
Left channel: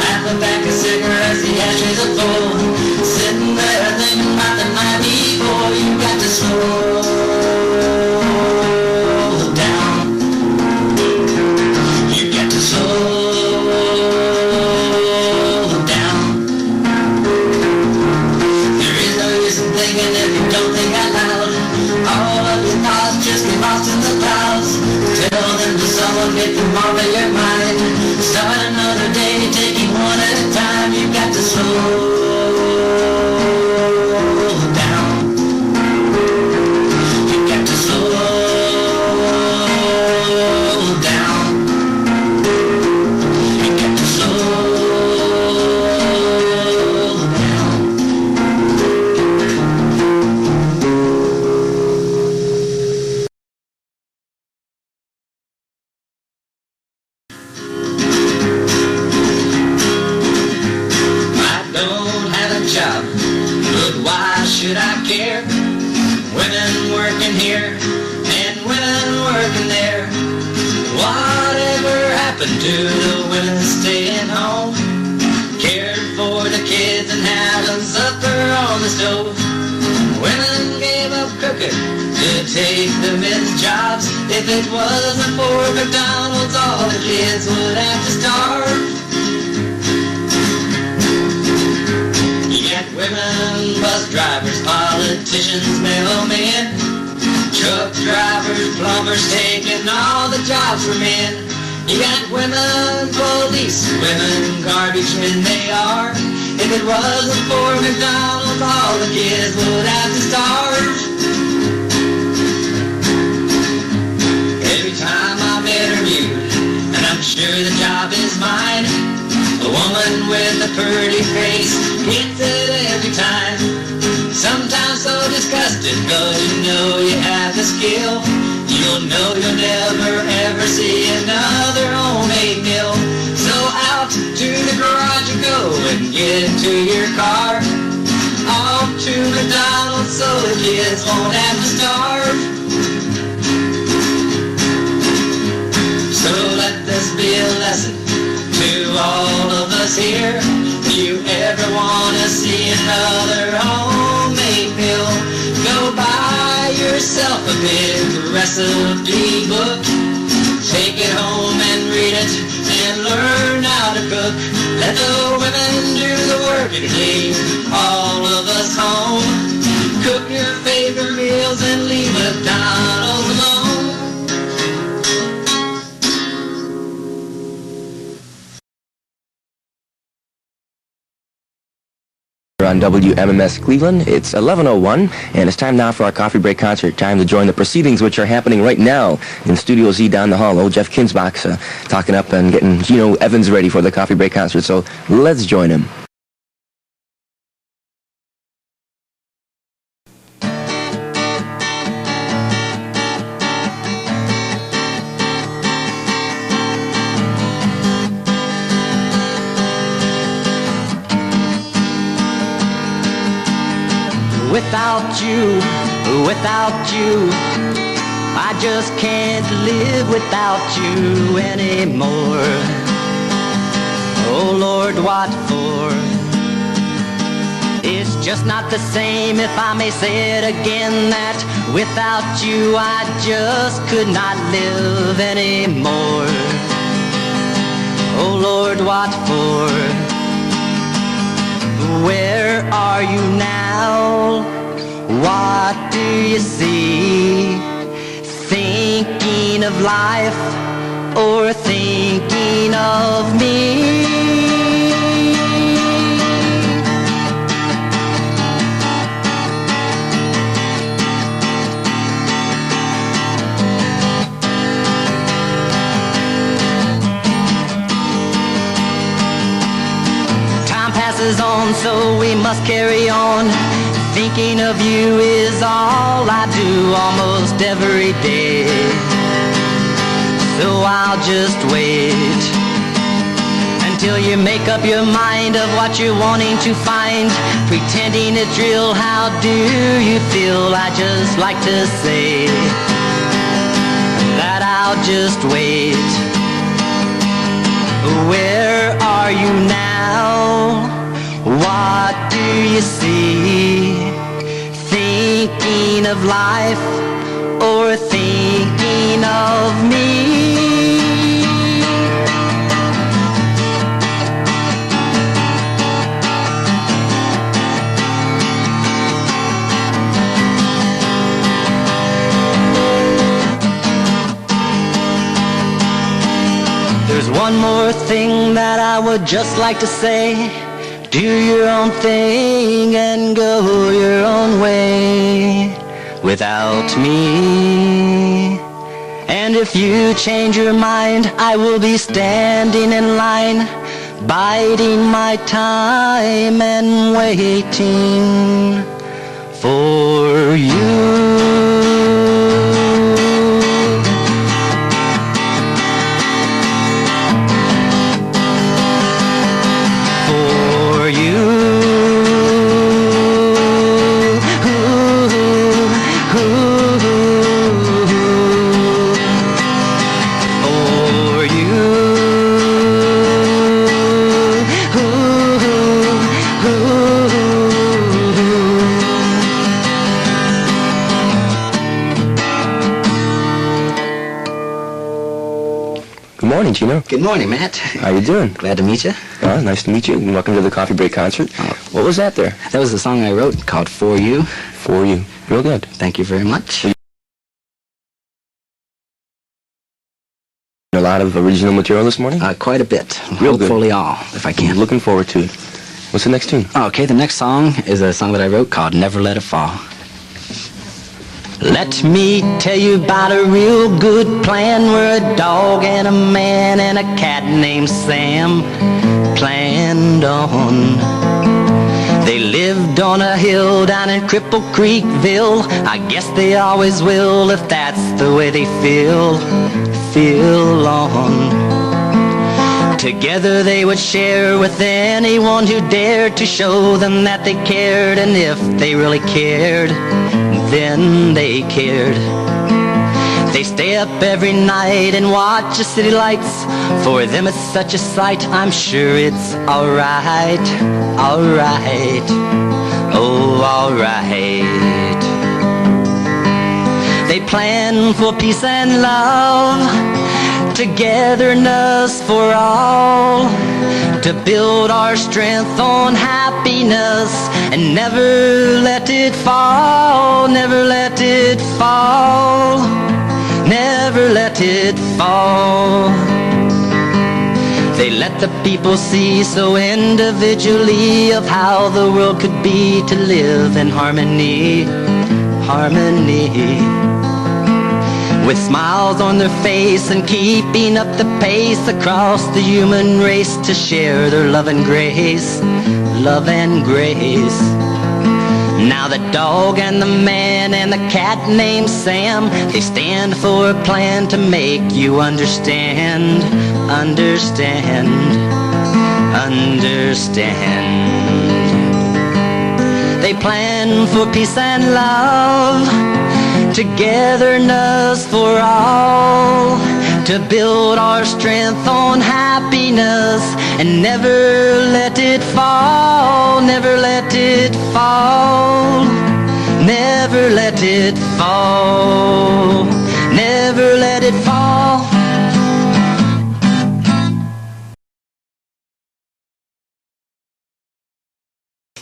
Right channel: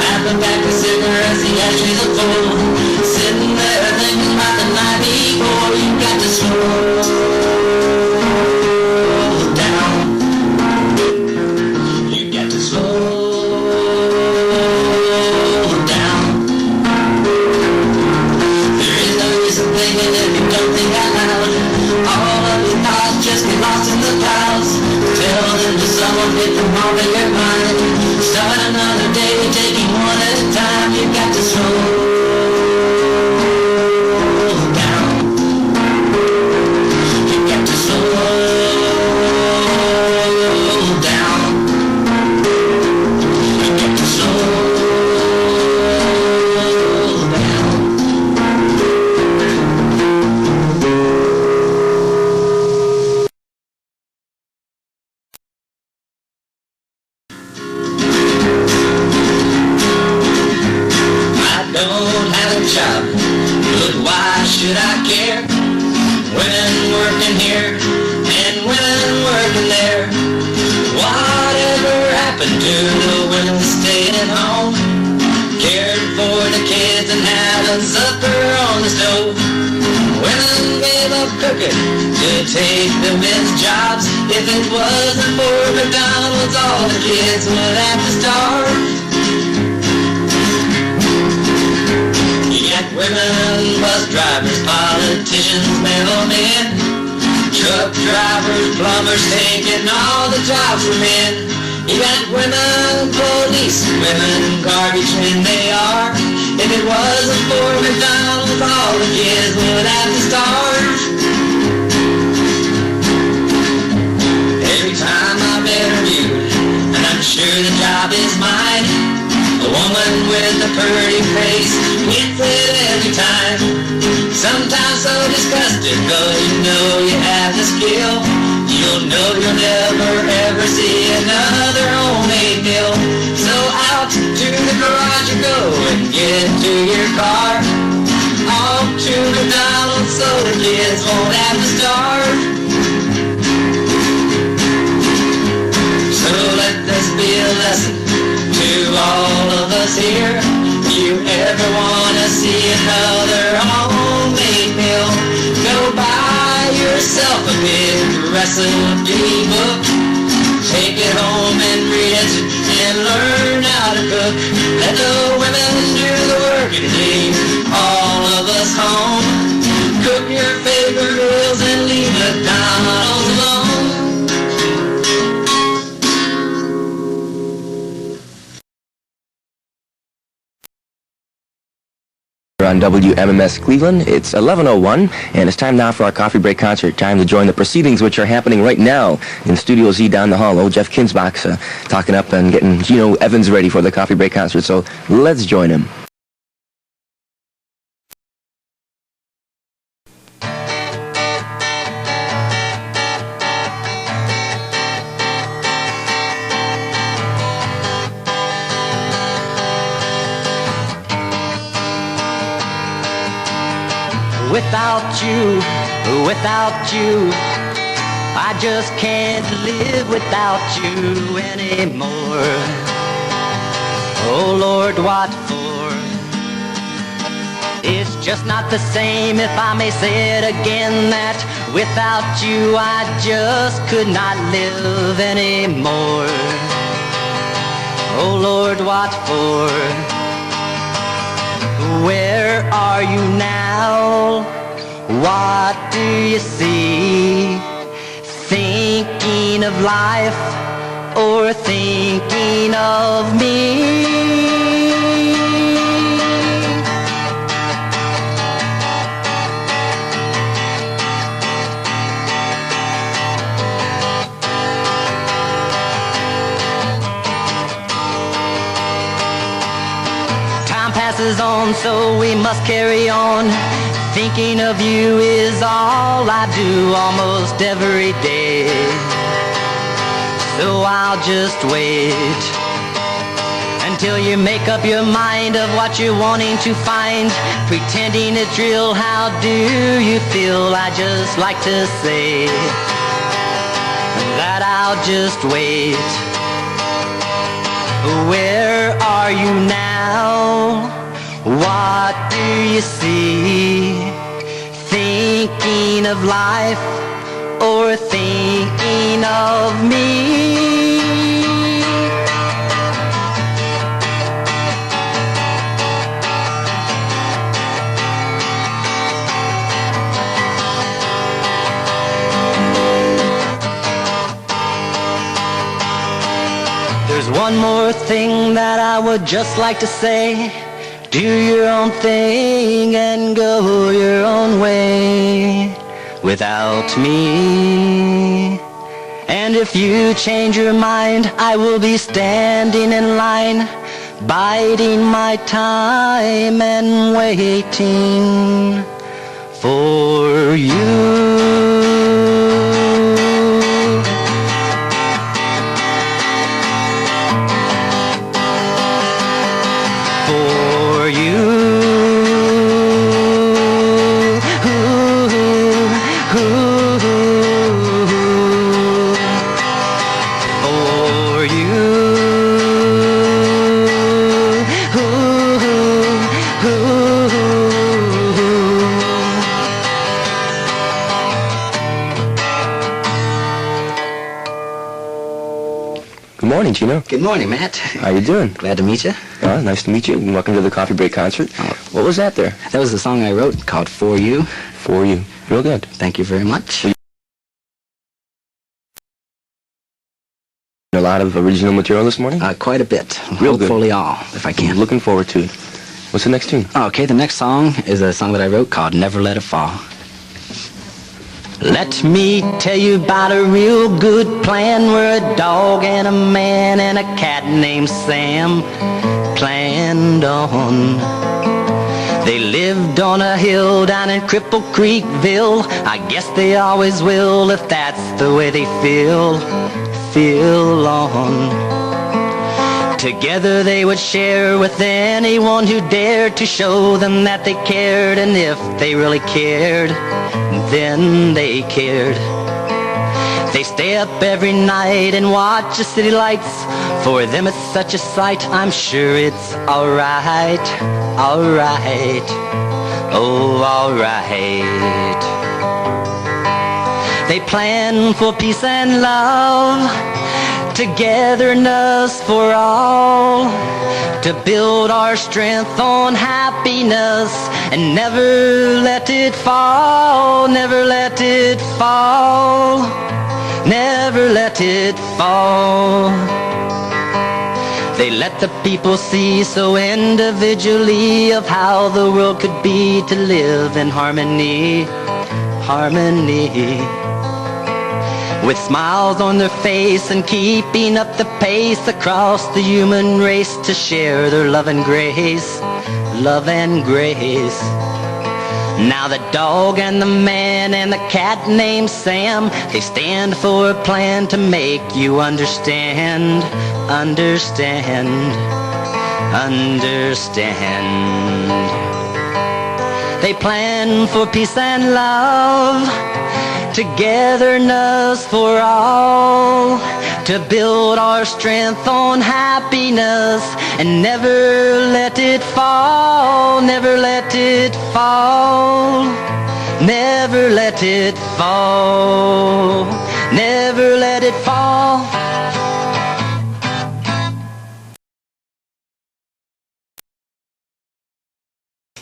Half a pack of cigarettes, the ashes are full. Sitting there thinking about the night before. You got to slow down. You got to slow down. There is no use in thinking if you don't think out loud. All of your thoughts just get lost in the clouds. Tell them to someone, get them off of your mind. Start another day, taking one at a time. You got to slow down. You got to slow down. You got to slow down. I don't have a job, but why should I care? Women working here and women working there. Whatever happened to the women staying at home, cared for the kids and having supper on the stove? Women gave up cooking to take the men's jobs. If it wasn't for McDonald's, all the kids would have to starve. You got women, bus drivers, politicians, mailmen, truck drivers, plumbers, taking all the jobs from men. You got women, police, women, garbage men they are. If it wasn't for McDonald's, all the kids would have to starve. know you have the skill. You'll know you'll never ever see another homemade meal. So out to the garage you go and get into your car. Off to McDonald's so the kids won't have to starve. So let this be a lesson to all of us here. If you ever want to see another homemade meal, go buy yourself a big recipe book. Take it home and read it and learn how to cook. Let the women do the work and leave all of us home. Cook your favorite meals and leave McDonald's alone. On WMMS Cleveland, it's 11:01, and it's time now for our coffee break concert. Time to join the proceedings, which are happening right now in Studio Z down the hall. Old Jeff Kinsbach's talking up and getting Gino Evans ready for the coffee break concert, so let's join him. Without you, I just can't live without you anymore. Oh Lord, what for? It's just not the same, if I may say it again, that without you I just could not live anymore. Oh Lord, what for? Where are you now? What do you see? Thinking of life or thinking of me? Time passes on, so we must carry on. Thinking of you is all I do almost every day. So I'll just wait until you make up your mind of what you're wanting to find. Pretending it's real, how do you feel? I just like to say that I'll just wait. Where are you now? What do you see? Thinking of life or thinking of me? There's one more thing that I would just like to say. Do your own thing and go your own way without me. And if you change your mind, I will be standing in line, biding my time and waiting for you. Good morning, Gino. Good morning, Matt. How you doing? Glad to meet you. Nice to meet you, and welcome to the coffee break concert. What was that there? That was the song I wrote called For You. For You. Real good. Thank you very much. A lot of original material this morning? Quite a bit. Real good. Hopefully all, if I can. Looking forward to it. What's the next tune? Okay, the next song is a song that I wrote called Never Let It Fall. Let me tell you about a real good plan where a dog and a man and a cat named Sam planned on. They lived lived on a hill down in Cripple Creekville. I guess they always will if that's the way they feel on. Together they would share with anyone who dared to show them that they cared, and if they really cared, then they cared. They stay up every night and watch the city lights. For them it's such a sight, I'm sure it's alright, alright, oh alright. They plan for peace and love, togetherness for all, to build our strength on happiness and never let it fall, never let it fall, never let it fall. They let the people see so individually of how the world could be to live in harmony, harmony. With smiles on their face and keeping up the pace across the human race to share their love and grace, love and grace. Now the dog and the man and the cat named Sam, they stand for a plan to make you understand, understand, understand. They plan for peace and love, togetherness for all, to build our strength on happiness and never let it fall, never let it fall, never let it fall, never let it fall.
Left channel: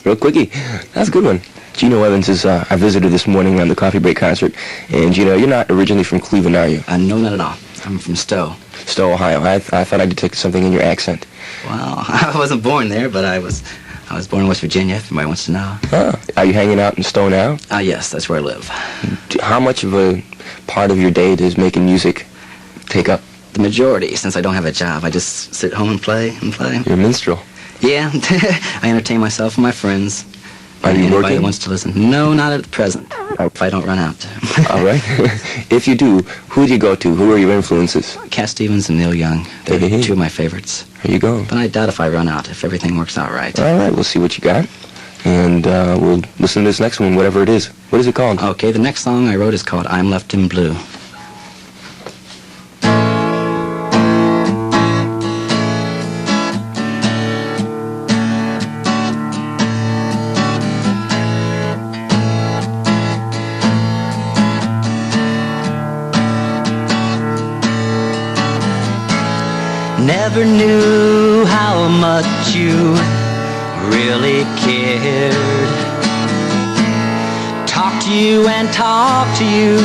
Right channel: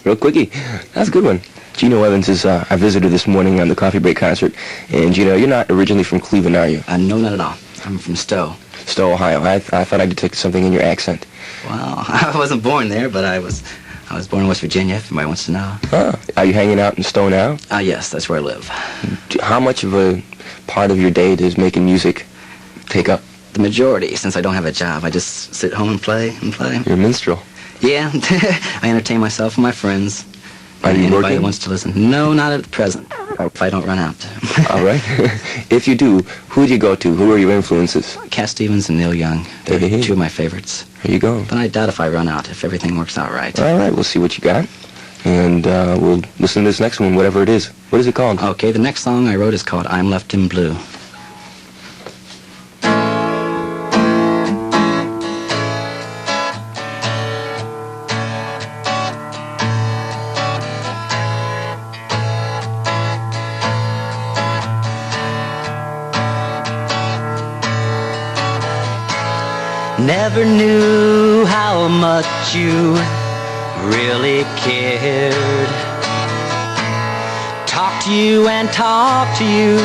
Real quickie. That's a good one. Gino Evans is our visitor this morning on the Coffee Break concert. And Gino, you're not originally from Cleveland, are you? No, not at all. I'm from Stowe. Stowe, Ohio. I thought I detected something in your accent. Well, I wasn't born there, but I was born in West Virginia, if anybody wants to know. Are you hanging out in Stowe now? Yes, that's where I live. How much of a part of your day does making music take up? The majority, since I don't have a job. I just sit home and play and play. You're a minstrel. Yeah, I entertain myself and my friends. Are you Anybody working? that wants to listen. No, not at the present. If I don't run out. All right. If you do, who do you go to? Who are your influences? Cat Stevens and Neil Young. They're Hey. two of my favorites. There you go. But I doubt if I run out, if everything works out right. All right, we'll see what you got. And we'll listen to this next one, whatever it is. What is it called? Okay, the next song I wrote is called I'm Left in Blue. Never knew how much you really cared. Talk to you and talk to you,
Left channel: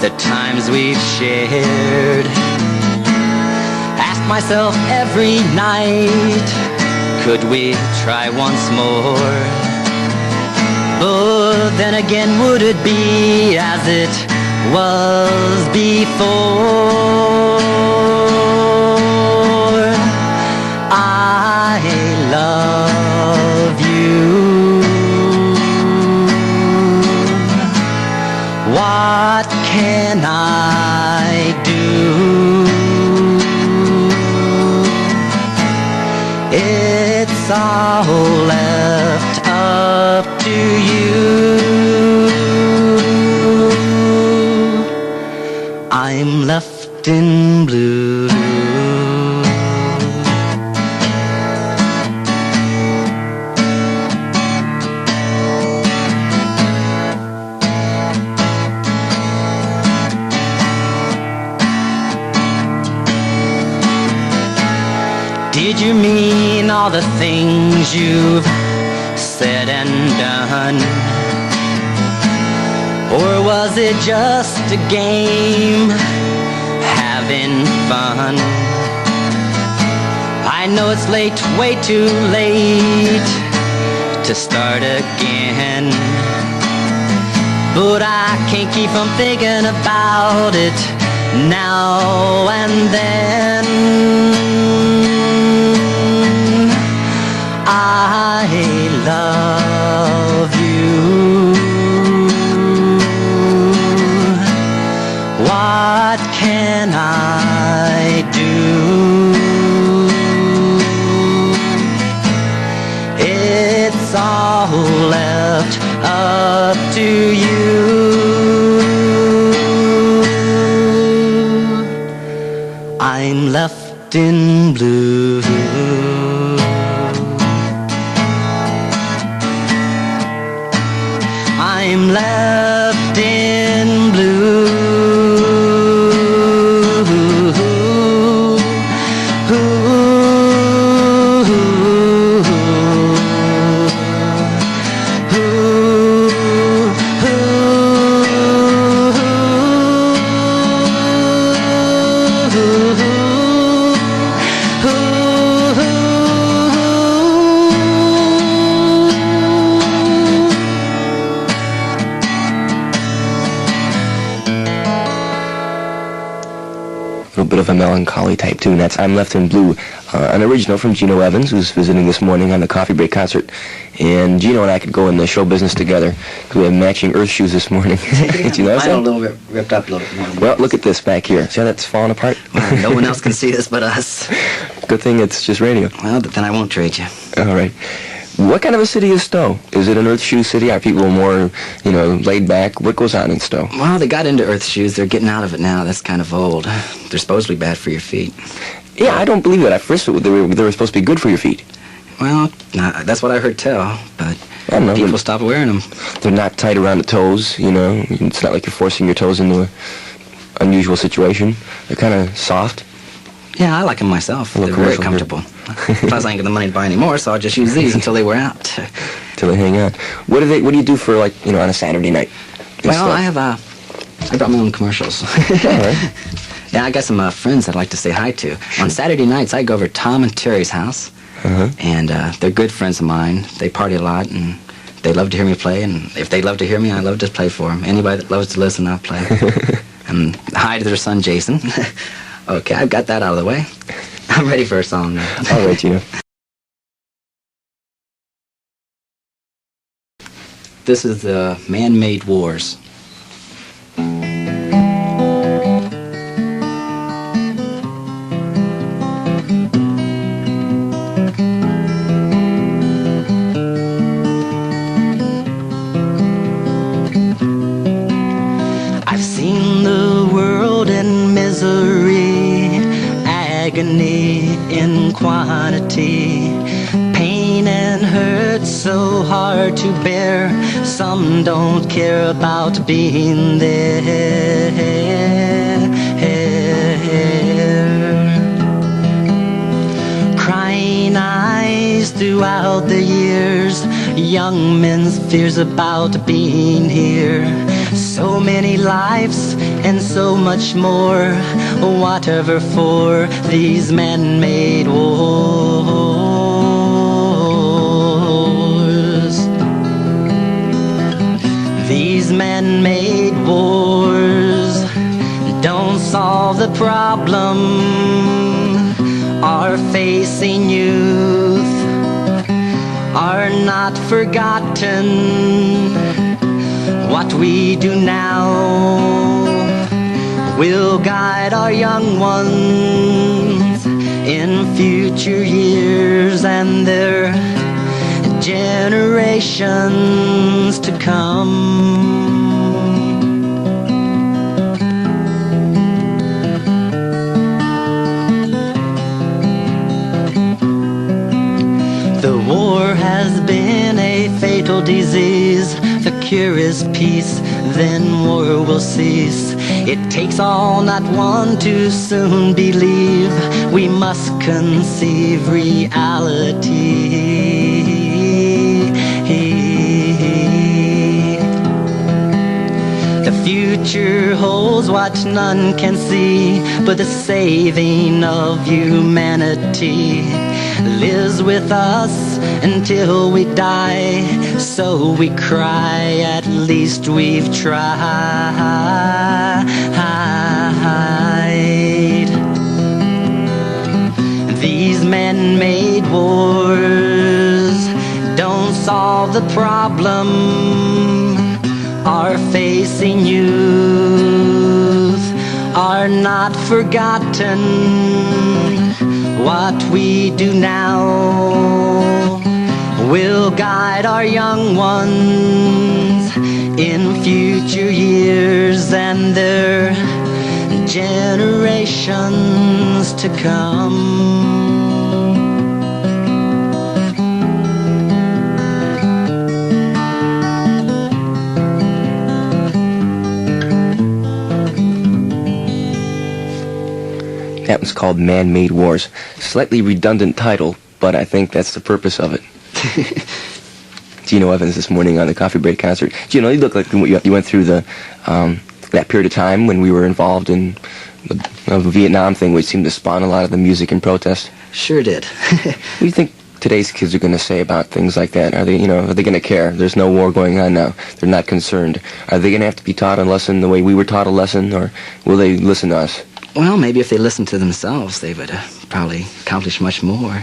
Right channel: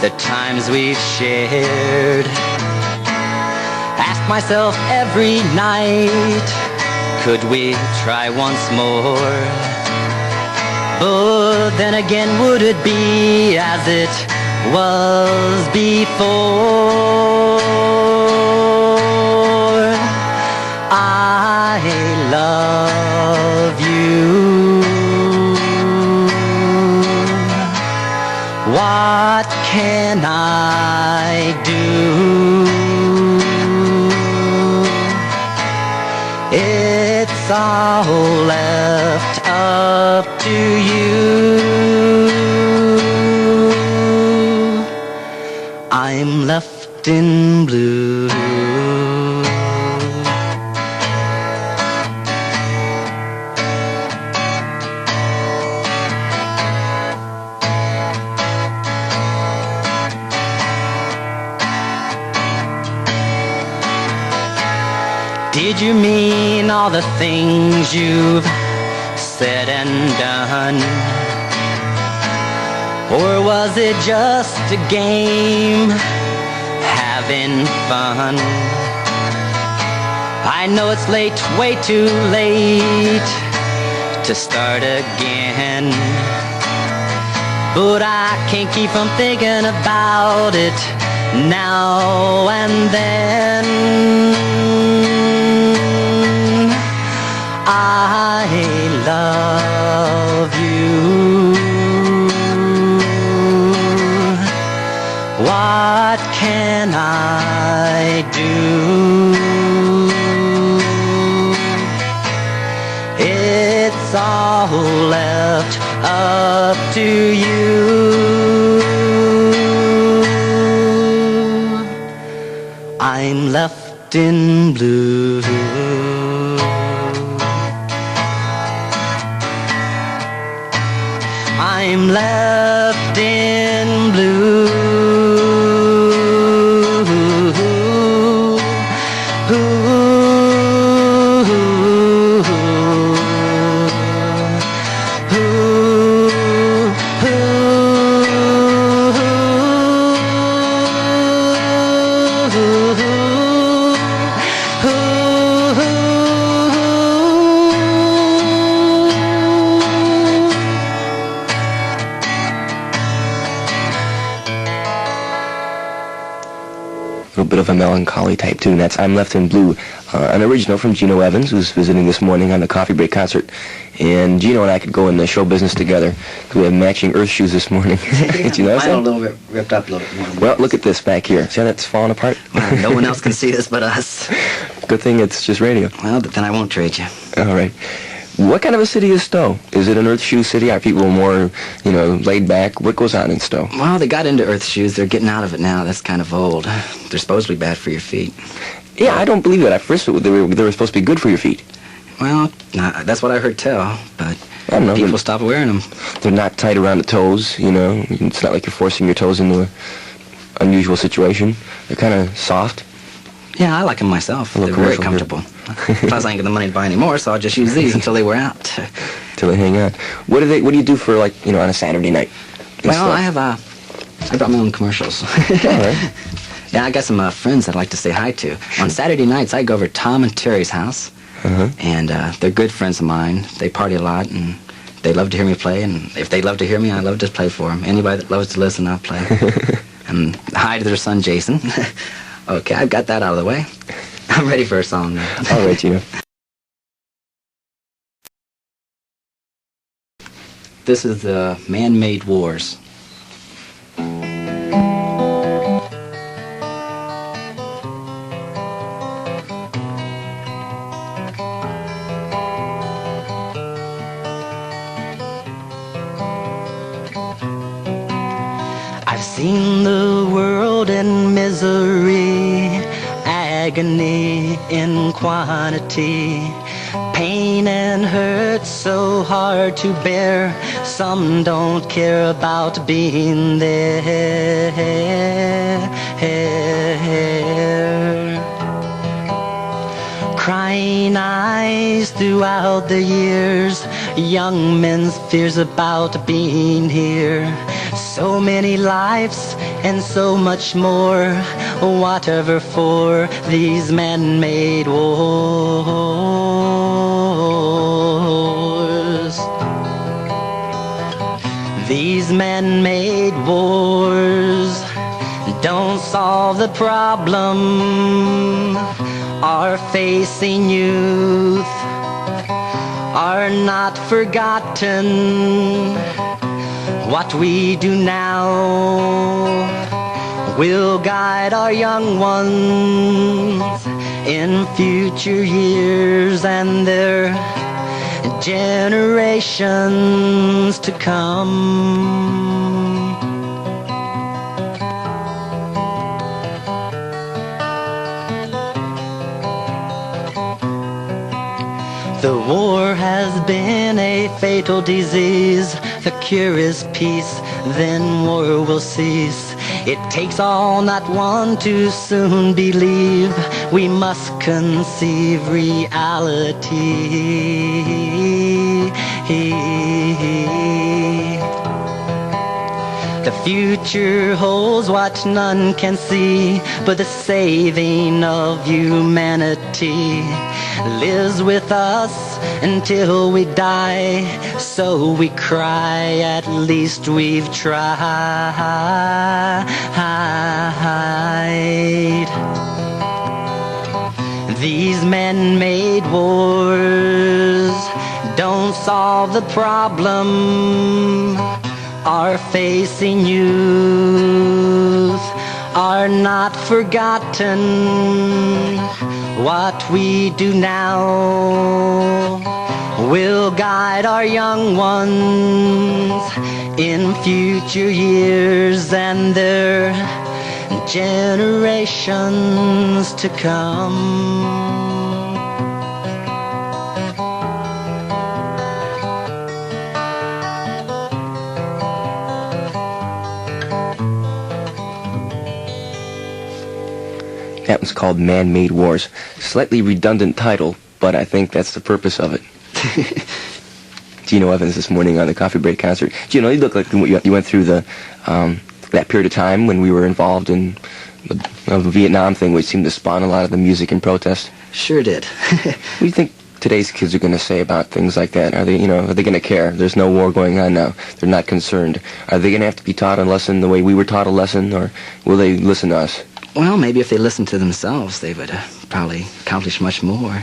the times we've shared. Ask myself every night, could we try once more? But then again, would it be as it was before? I love you. What can I do? It's all left up to you. I'm left in blue. Did you mean all the things you've said and done? Or was it just a game, having fun? I know it's late, way too late to start again, but I can't keep from thinking about it now and then. I love you. What can I do? It's all left up to you. I'm left in blue. I'm left in blue. A little bit of a melancholy type tune. That's I'm Left in Blue, an original from Gino Evans, who's visiting this morning on the Coffee Break concert. And Gino and I could go in the show business together because we have matching Earth shoes this morning. Did you notice Mine are a that? little bit ripped up a little bit more. Well, look at this back here. See how that's falling apart? No one else can see this but us. Good thing it's just radio. Well, but then I won't trade you. All right. What kind of a city is Stowe? Is it an Earth Shoe city? Are people more, laid back? What goes on in Stowe? Well, they got into earth shoes. They're getting out of it now. That's kind of old. They're supposedly bad for your feet. Yeah, I don't believe that. At first, they were supposed to be good for your feet. Well, that's what I heard tell, but I don't know. people stop wearing them. They're not tight around the toes, It's not like you're forcing your toes into an unusual situation. They're kind of soft. Yeah, I like them myself. A They're little very commercial comfortable. Plus, I ain't got the money to buy any more, so I'll just use these until they wear out. Till they hang on. What do you do for, on a Saturday night? Well, I brought my own commercials. All right. Yeah, I got some friends I'd like to say hi to. On Saturday nights, I go over to Tom and Terry's house, and they're good friends of mine. They party a lot, and they love to hear me play, and if they love to hear me, I love to play for them. Anybody that loves to listen, I'll play. And hi to their son, Jason. Okay, I've got that out of the way. I'm ready for a song now. All right, Gino. This is the Man-Made Wars. I've seen the world in misery, agony in quantity, pain and hurt so hard to bear. Some don't care about being there. Crying eyes throughout the years, young men's fears about being here. So many lives and so much more, whatever for these man-made wars. These man-made wars don't solve the problem. Are facing youth are not forgotten. What we do now will guide our young ones in future years and their generations to come. The war has been a fatal disease. The cure is peace, then war will cease. It takes all, not one, to soon believe. We must conceive reality. The future holds what none can see, but the saving of humanity lives with us until we die. So we cry, at least we've tried. These man-made wars don't solve the problem are facing youth are not forgotten. What we do now will guide our young ones in future years and their generations to come. That was called Man-Made Wars. Slightly redundant title, but I think that's the purpose of it. Gino Evans this morning on the Coffee Break concert. Gino, you look like you went through the that period of time when we were involved in the Vietnam thing, which seemed to spawn a lot of the music and protest. Sure did. What do you think today's kids are going to say about things like that? Are they going to care? There's no war going on now. They're not concerned. Are they going to have to be taught a lesson the way we were taught a lesson, or will they listen to us? Well, maybe if they listened to themselves, they would probably accomplish much more.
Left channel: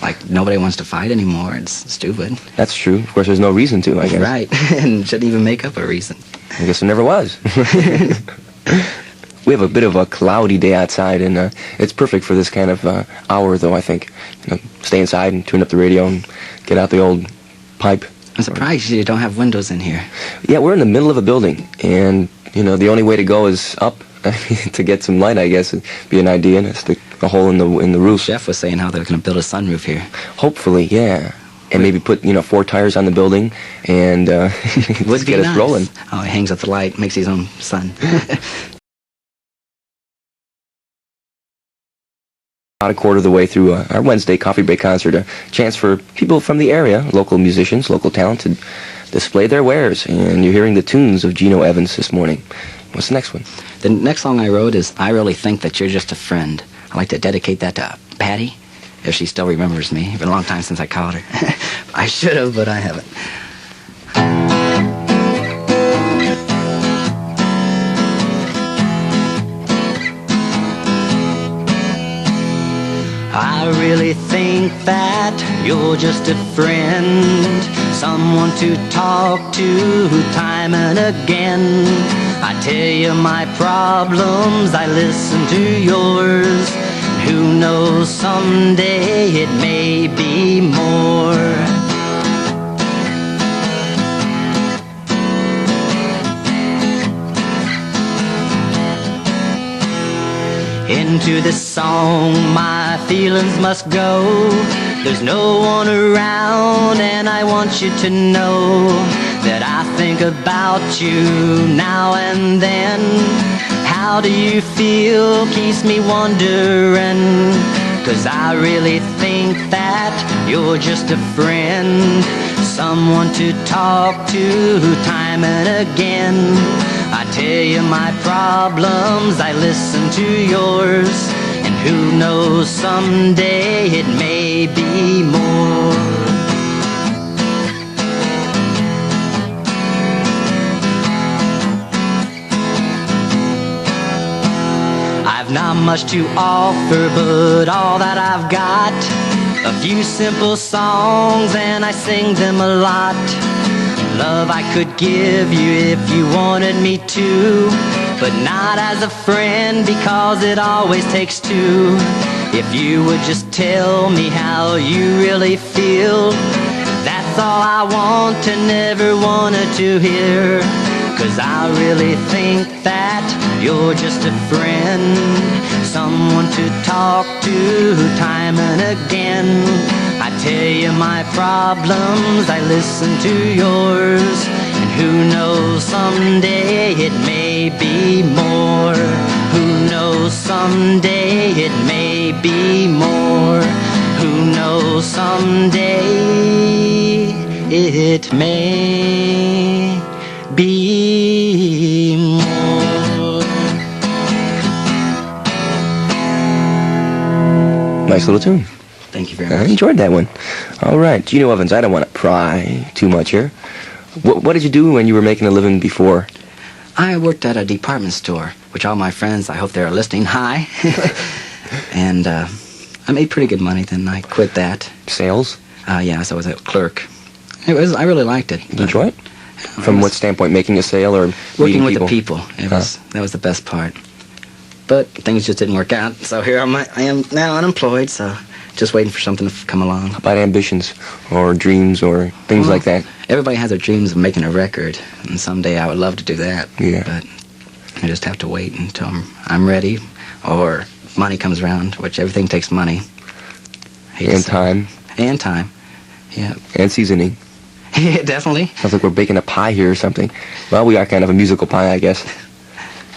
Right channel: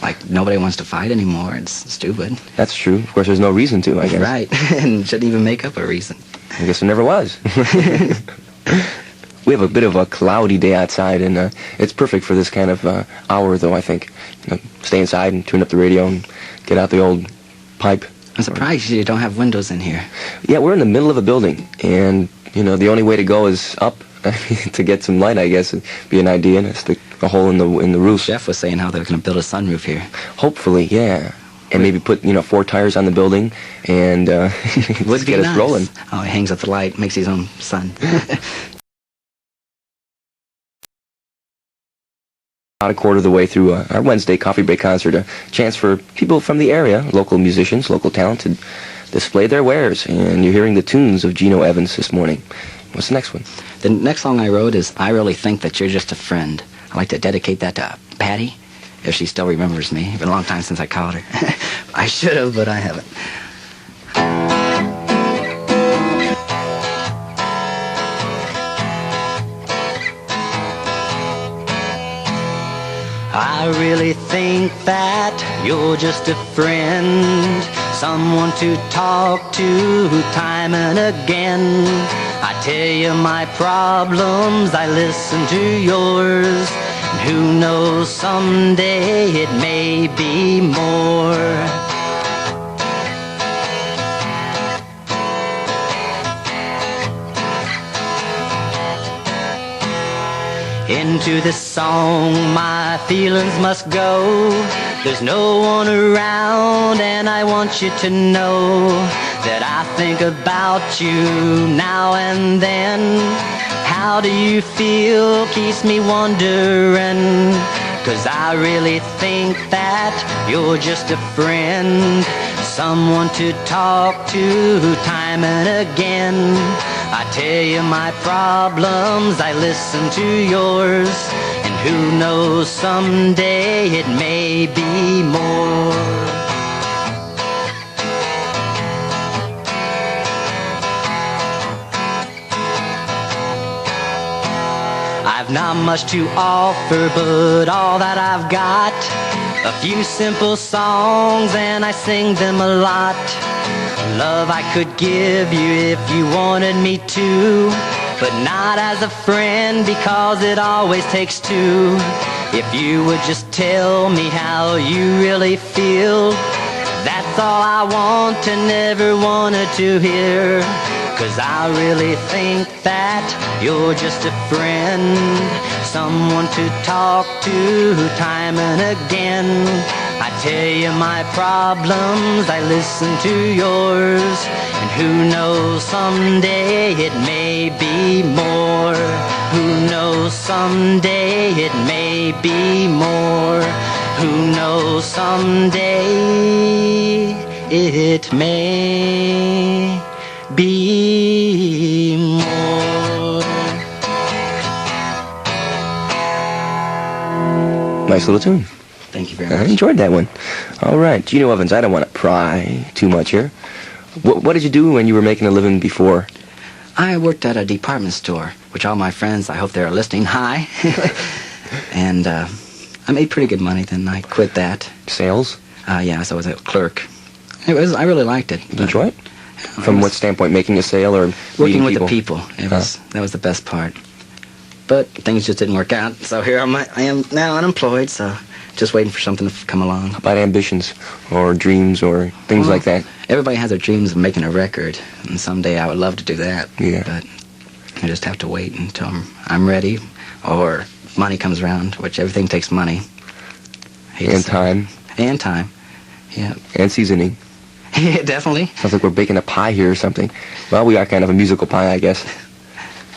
Like, nobody wants to fight anymore. It's stupid. That's true. Of course, there's no reason to, I guess. Right. And shouldn't even make up a reason. I guess there never was. We have a bit of a cloudy day outside, and it's perfect for this kind of hour, though, I think. Stay inside and tune up the radio and get out the old pipe. I'm surprised you don't have windows in here. Yeah, we're in the middle of a building, and, the only way to go is up. To get some light, I guess, would be an idea. And stick a hole in the roof. Jeff was saying how they're going to build a sunroof here. Hopefully, yeah. And maybe put 4 tires on the building and would be get nice. Us rolling. Oh, he hangs up the light, makes his own sun. About a quarter of the way through our Wednesday Coffee Break concert, a chance for people from the area, local musicians, local talent, to display their wares. And you're hearing the tunes of Gino Evans this morning. What's the next one? The next song I wrote is I Really Think That You're Just a Friend. I'd like to dedicate that to Patty, if she still remembers me. It's been a long time since I called her. I should have, but I haven't. I really think that you're just a friend, someone to talk to time and again. I tell you my problems, I listen to yours, and who knows, someday it may be more. Into this song my feelings must go. There's no one around, and I want you to know that I think about you now and then. How do you feel? Keeps me wondering, 'cause I really think that you're just a friend, someone to talk to time and again. I tell you my problems, I listen to yours, and who knows, someday it may be more. I've not much to offer, but all that I've got, a few simple songs, and I sing them a lot. Love I could give you if you wanted me to, but not as a friend, because it always takes two. If you would just tell me how you really feel, that's all I want and never wanted to hear. 'Cause I really think that you're just a friend, someone to talk to time and again. I tell you my problems, I listen to yours, and who knows, someday it may be more. Who knows, someday it may be more. Who knows, someday it may be more. Nice little tune. Thank you very I much. enjoyed that one. All right, Gino Evans, I don't want to pry too much here. What did you do when you were making a living before? I worked at a department store, which all my friends, I hope they're listening, hi. And I made pretty good money, then I quit that. Sales? Yeah, so I was a clerk. I really liked it. Did you enjoy it? From what standpoint? Making a sale or Working meeting with people? the people. That was the best part. But things just didn't work out. So here I am now unemployed, so just waiting for something to come along. How about ambitions or dreams or things like that? Everybody has their dreams of making a record, and someday I would love to do that. Yeah. But I just have to wait until I'm ready, or money comes around, which everything takes money. Hate to And say. time. And time. Yeah. And seasoning. Yeah, definitely. Sounds like we're baking a pie here or something. Well, we are kind of a musical pie, I guess.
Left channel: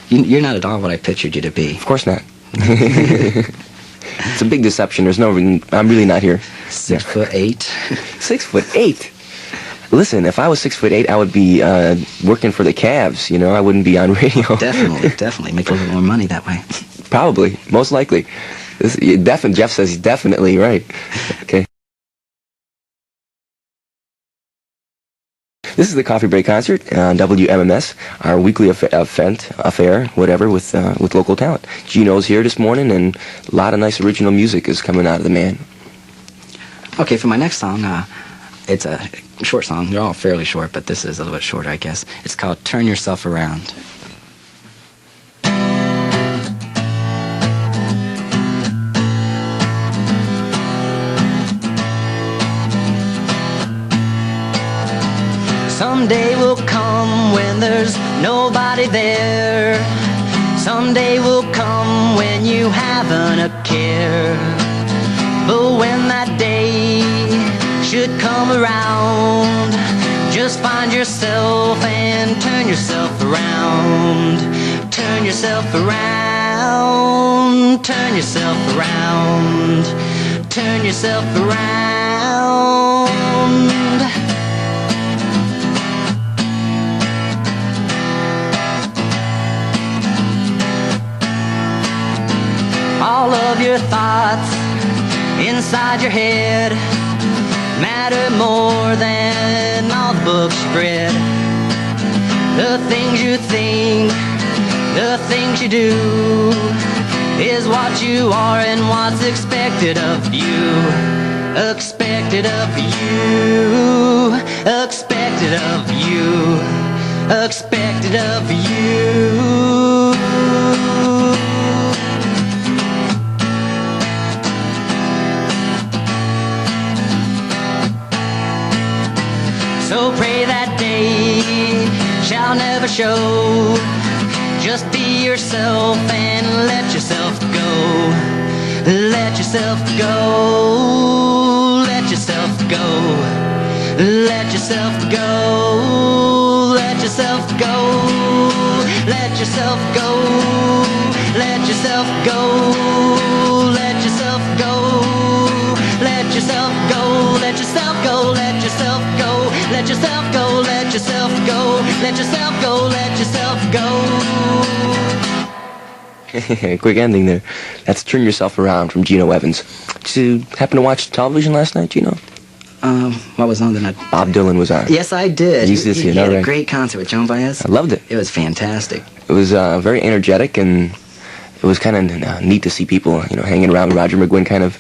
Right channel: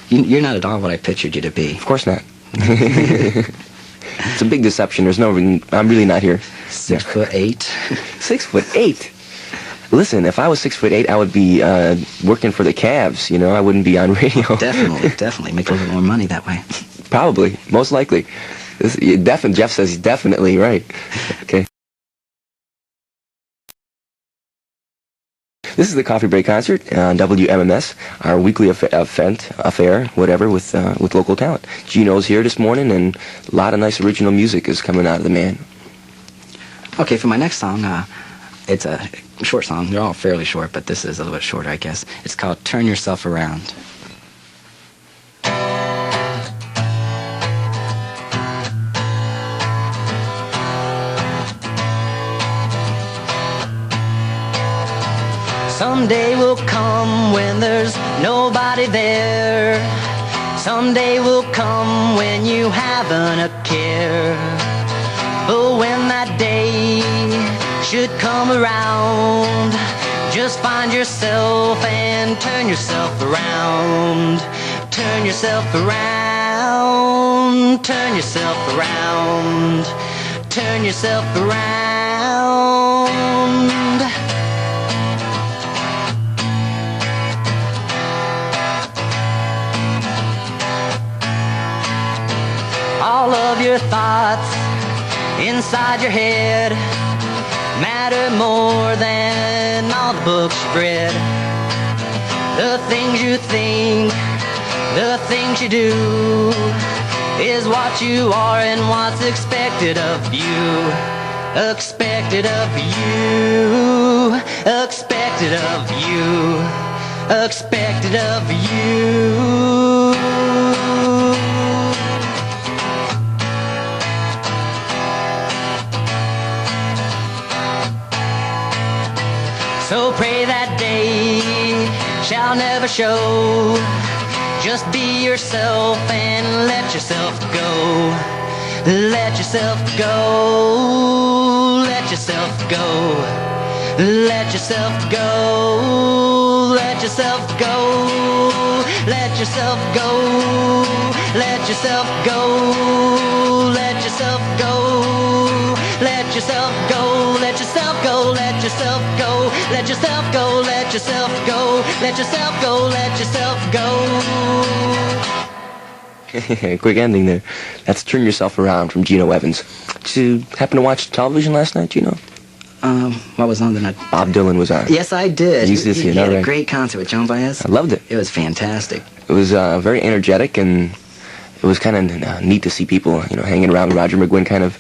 You're not at all what I pictured you to be. Of course not. It's a big deception. There's no reason. I'm really not here. 6'8". 6'8". Listen, if I was 6'8", I would be working for the Cavs. You know, I wouldn't be on radio. Definitely. Make a little bit more money that way. Probably, most likely. Jeff says he's definitely right. Okay. This is the Coffee Break Concert on WMMS, our weekly affair, whatever, with local talent. Gino's here this morning, and a lot of nice original music is coming out of the man. Okay, for my next song, it's a short song. They're all fairly short, but this is a little bit shorter, I guess. It's called Turn Yourself Around. Someday will come when there's nobody there. Someday will come when you haven't a care. But when that day should come around, just find yourself and turn yourself around. Turn yourself around. Turn yourself around. Turn yourself around. All of your thoughts inside your head matter more than all the books you've read. The things you think, the things you do, is what you are and what's expected of you. Expected of you. Expected of you. Expected of you. So pray that day shall never show. Just be yourself and let yourself go. Let yourself go. Let yourself go. Let yourself go. Let yourself go. Let yourself go. Let yourself go. Let yourself go. Let yourself go. Let yourself go. Let yourself go. Let yourself go. Let yourself go. Let yourself go. Let yourself go. Quick ending there. That's Turn Yourself Around from Gino Evans. Did you happen to watch television last night, Gino? What was on the night? Bob Dylan was on. Yes, I did. You did see it, He had all a right. great concert with Joan Baez. I loved it. It was fantastic. It was very energetic, and it was kind of neat to see people, you know, hanging around. Roger McGuinn kind of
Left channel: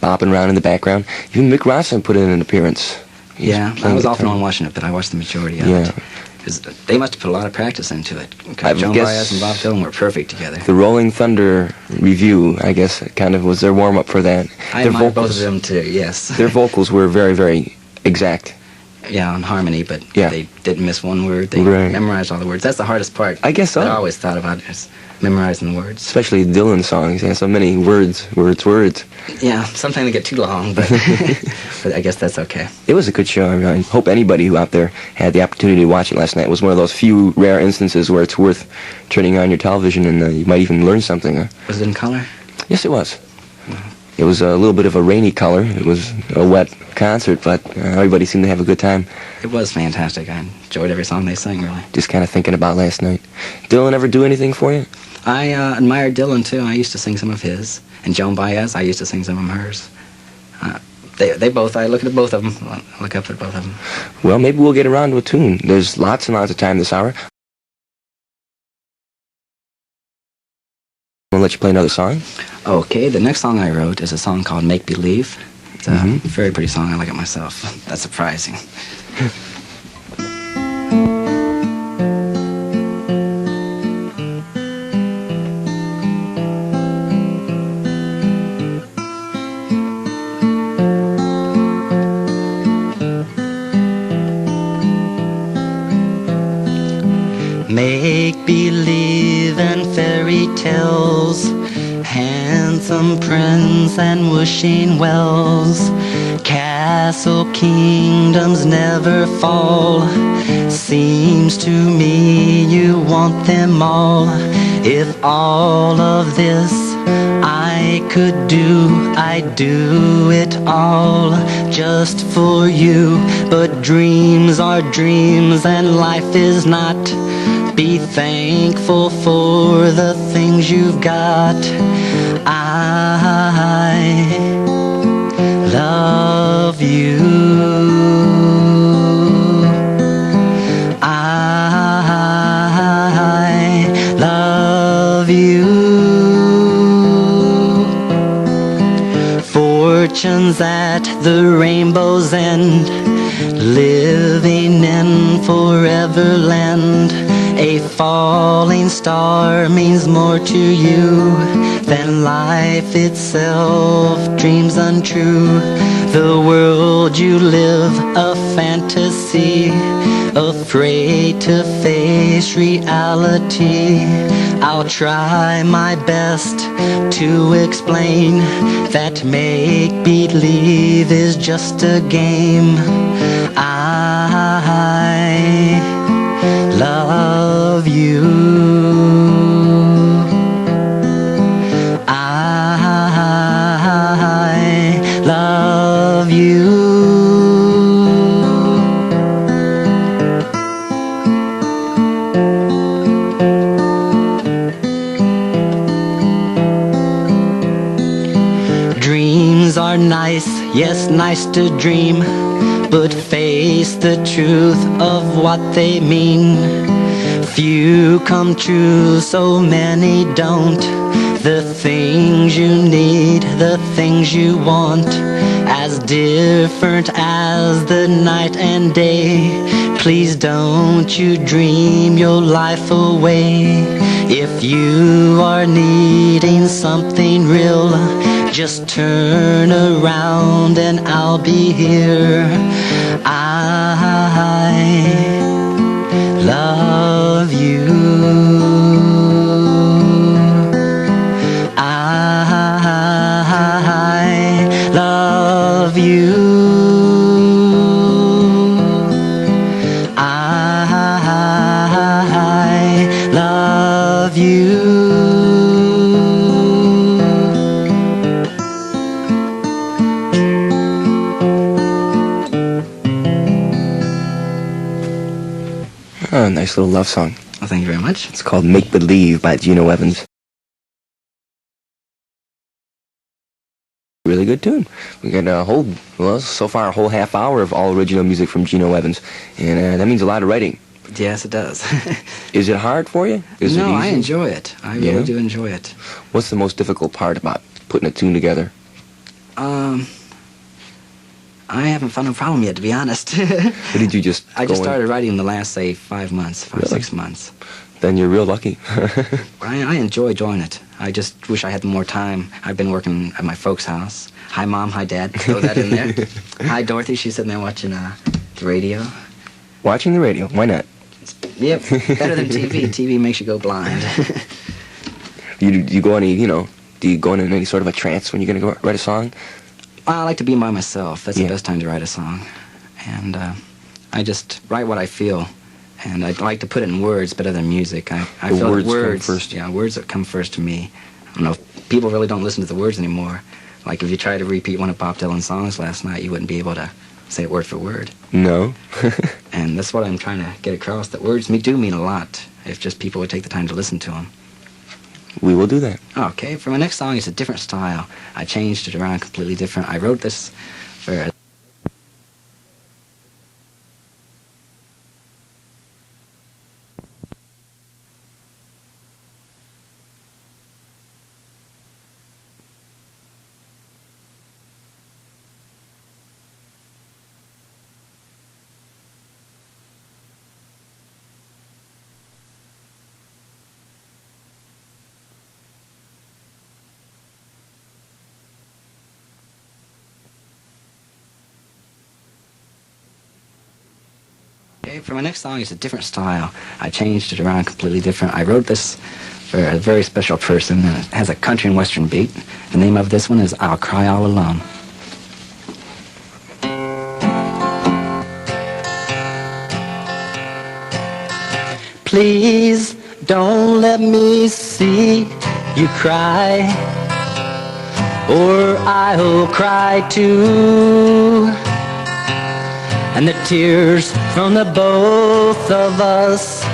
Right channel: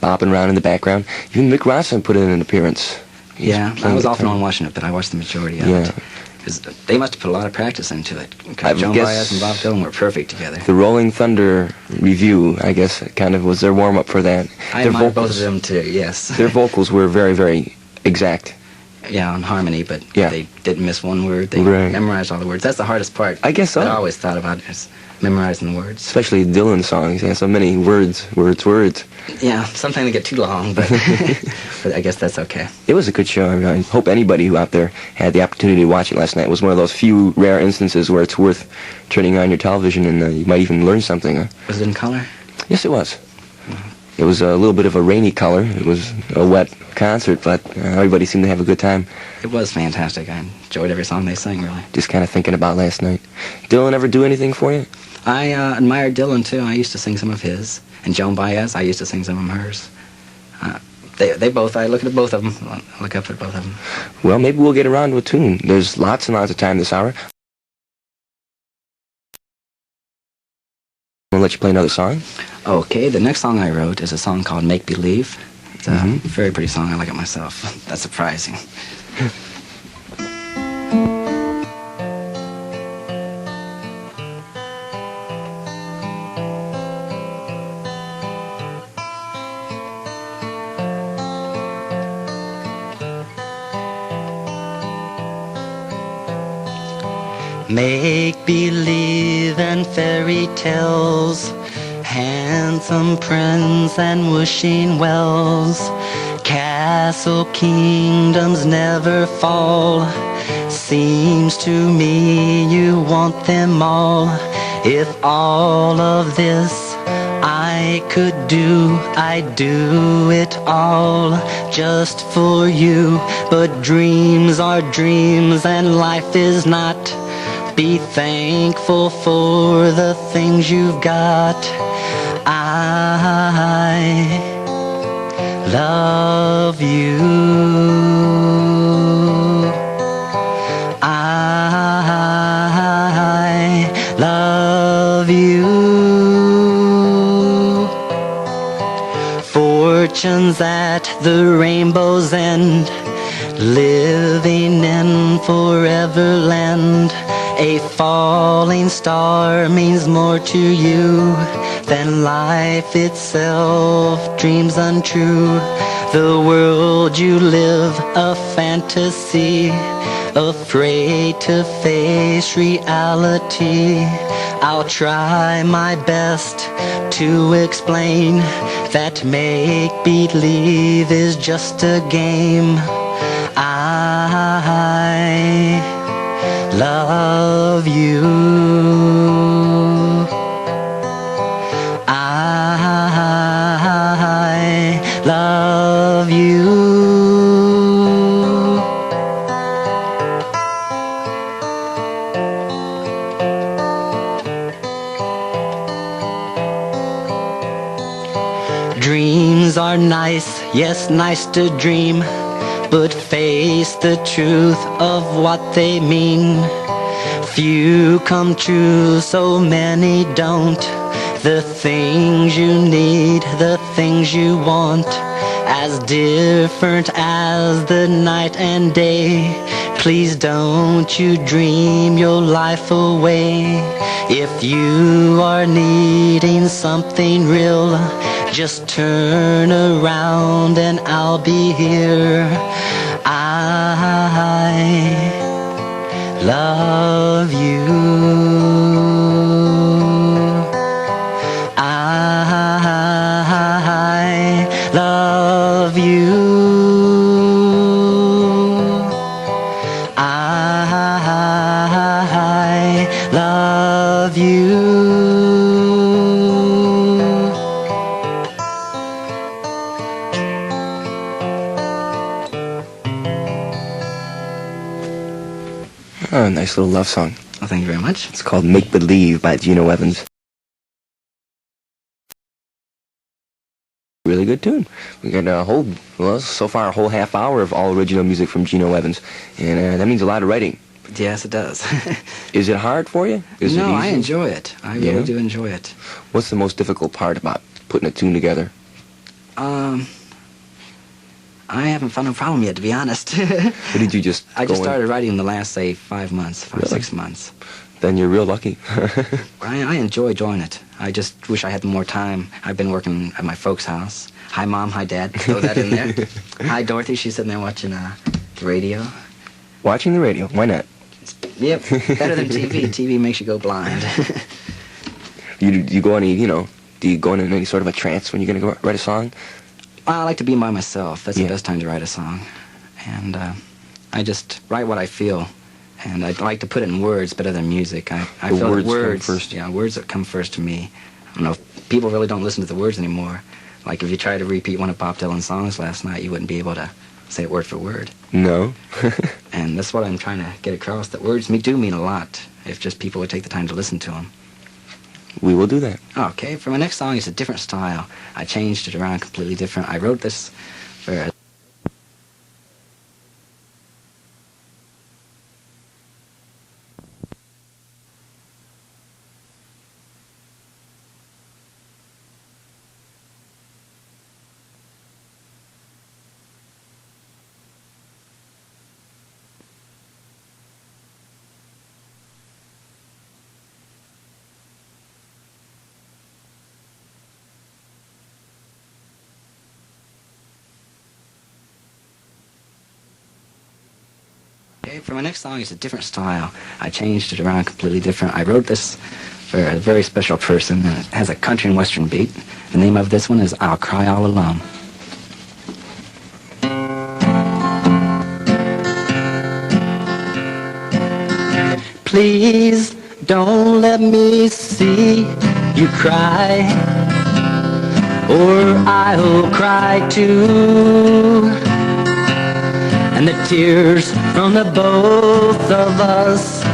bopping around in the background. Even Mick Ronson put in an appearance. He Yeah, I playing was off and guitar. on watching it, but I watched the majority of Yeah. it. 'Cause they must have put a lot of practice into it. I Because Joan guess- Baez and Bob Dylan were perfect together. The Rolling Thunder review, I guess, kind of was their warm-up for that. I Their admire both vocals, of them too, yes. their vocals were very, very exact. Yeah, on harmony, but Yeah. they didn't miss one word. They Right. memorized all the words. That's the hardest part. I guess so. that I always thought about is memorizing the words. Especially Dylan songs. Yeah, so many words. Yeah, sometimes they get too long, but, but I guess that's okay. It was a good show. I hope anybody who out there had the opportunity to watch it last night. It was one of those few rare instances where it's worth turning on your television and you might even learn something. Was it in color? Yes, it was. It was a little bit of a rainy color. It was a wet concert, but everybody seemed to have a good time. It was fantastic. I enjoyed every song they sang, really. Just kind of thinking about last night. Dylan ever do anything for you? I admired Dylan, too. I used to sing some of his. And Joan Baez, I used to sing some of hers. They both, I look at both of them. I look up at both of them. Well, maybe we'll get around to a tune. There's lots and lots of time this hour. I'll let you play another song. Okay, the next song I wrote is a song called Make Believe. It's a very pretty song. I like it myself. That's surprising. Make believe and fairy tales, handsome prince and wishing wells, castle kingdoms never fall. Seems to me you want them all. If all of this I could do, I'd do it all just for you. But dreams are dreams and life is not. Be thankful for the things you've got. I love you. I love you. Fortunes at the rainbow's end, living in forever land. A falling star means more to you than life itself, dreams untrue. The world you live, a fantasy, afraid to face reality. I'll try my best to explain that make-believe is just a game. I love you. I love you. Dreams are nice, yes, nice to dream, but face the truth of what they mean. Few come true, so many don't. The things you need, the things you want, as different as the night and day. Please don't you dream your life away. If you are needing something real, just turn around and I'll be here. I love you. I love you. I love you. Oh, nice little love song. Well, thank you very much. It's called Make Believe by Gino Evans. Really good tune. We got so far a whole half hour of all original music from Gino Evans, and that means a lot of writing. Yes, it does. Is it hard for you? Is No, it I easy? enjoy it. I really do enjoy it. What's the most difficult part about putting a tune together? I haven't found a problem yet, to be honest. Or did you just I just go in- started writing in the last, say, 5 months, Really? 6 months. Then you're real lucky. I enjoy doing it. I just wish I had more time. I've been working at my folks' house. Hi, Mom. Hi, Dad. Throw that in there. Hi, Dorothy. She's sitting there watching the radio. Watching the radio. Why not? Yep, better than TV. TV makes you go blind. Do you go in any sort of a trance when you're going to go write a song? I like to be by myself. That's Yeah. the best time to write a song. And I just write what I feel. And I like to put it in words better than music. I The feel words that come words, first. yeah, words that come first to me. I don't know, people really don't listen to the words anymore. Like if you try to repeat one of Bob Dylan's songs last night, you wouldn't be able to say it word for word. No. And that's what I'm trying to get across, that words do mean a lot if just people would take the time to listen to them. We will do that. Okay, for my next song, it's a different style. I changed it around completely different. I wrote this for Okay, for my next song, it's a different style. I changed it around completely different. I wrote this for a very special person, and it has a country and western beat. The name of this one is I'll Cry All Alone. Please don't let me see you cry, or I'll cry too. And the tears from the both of us,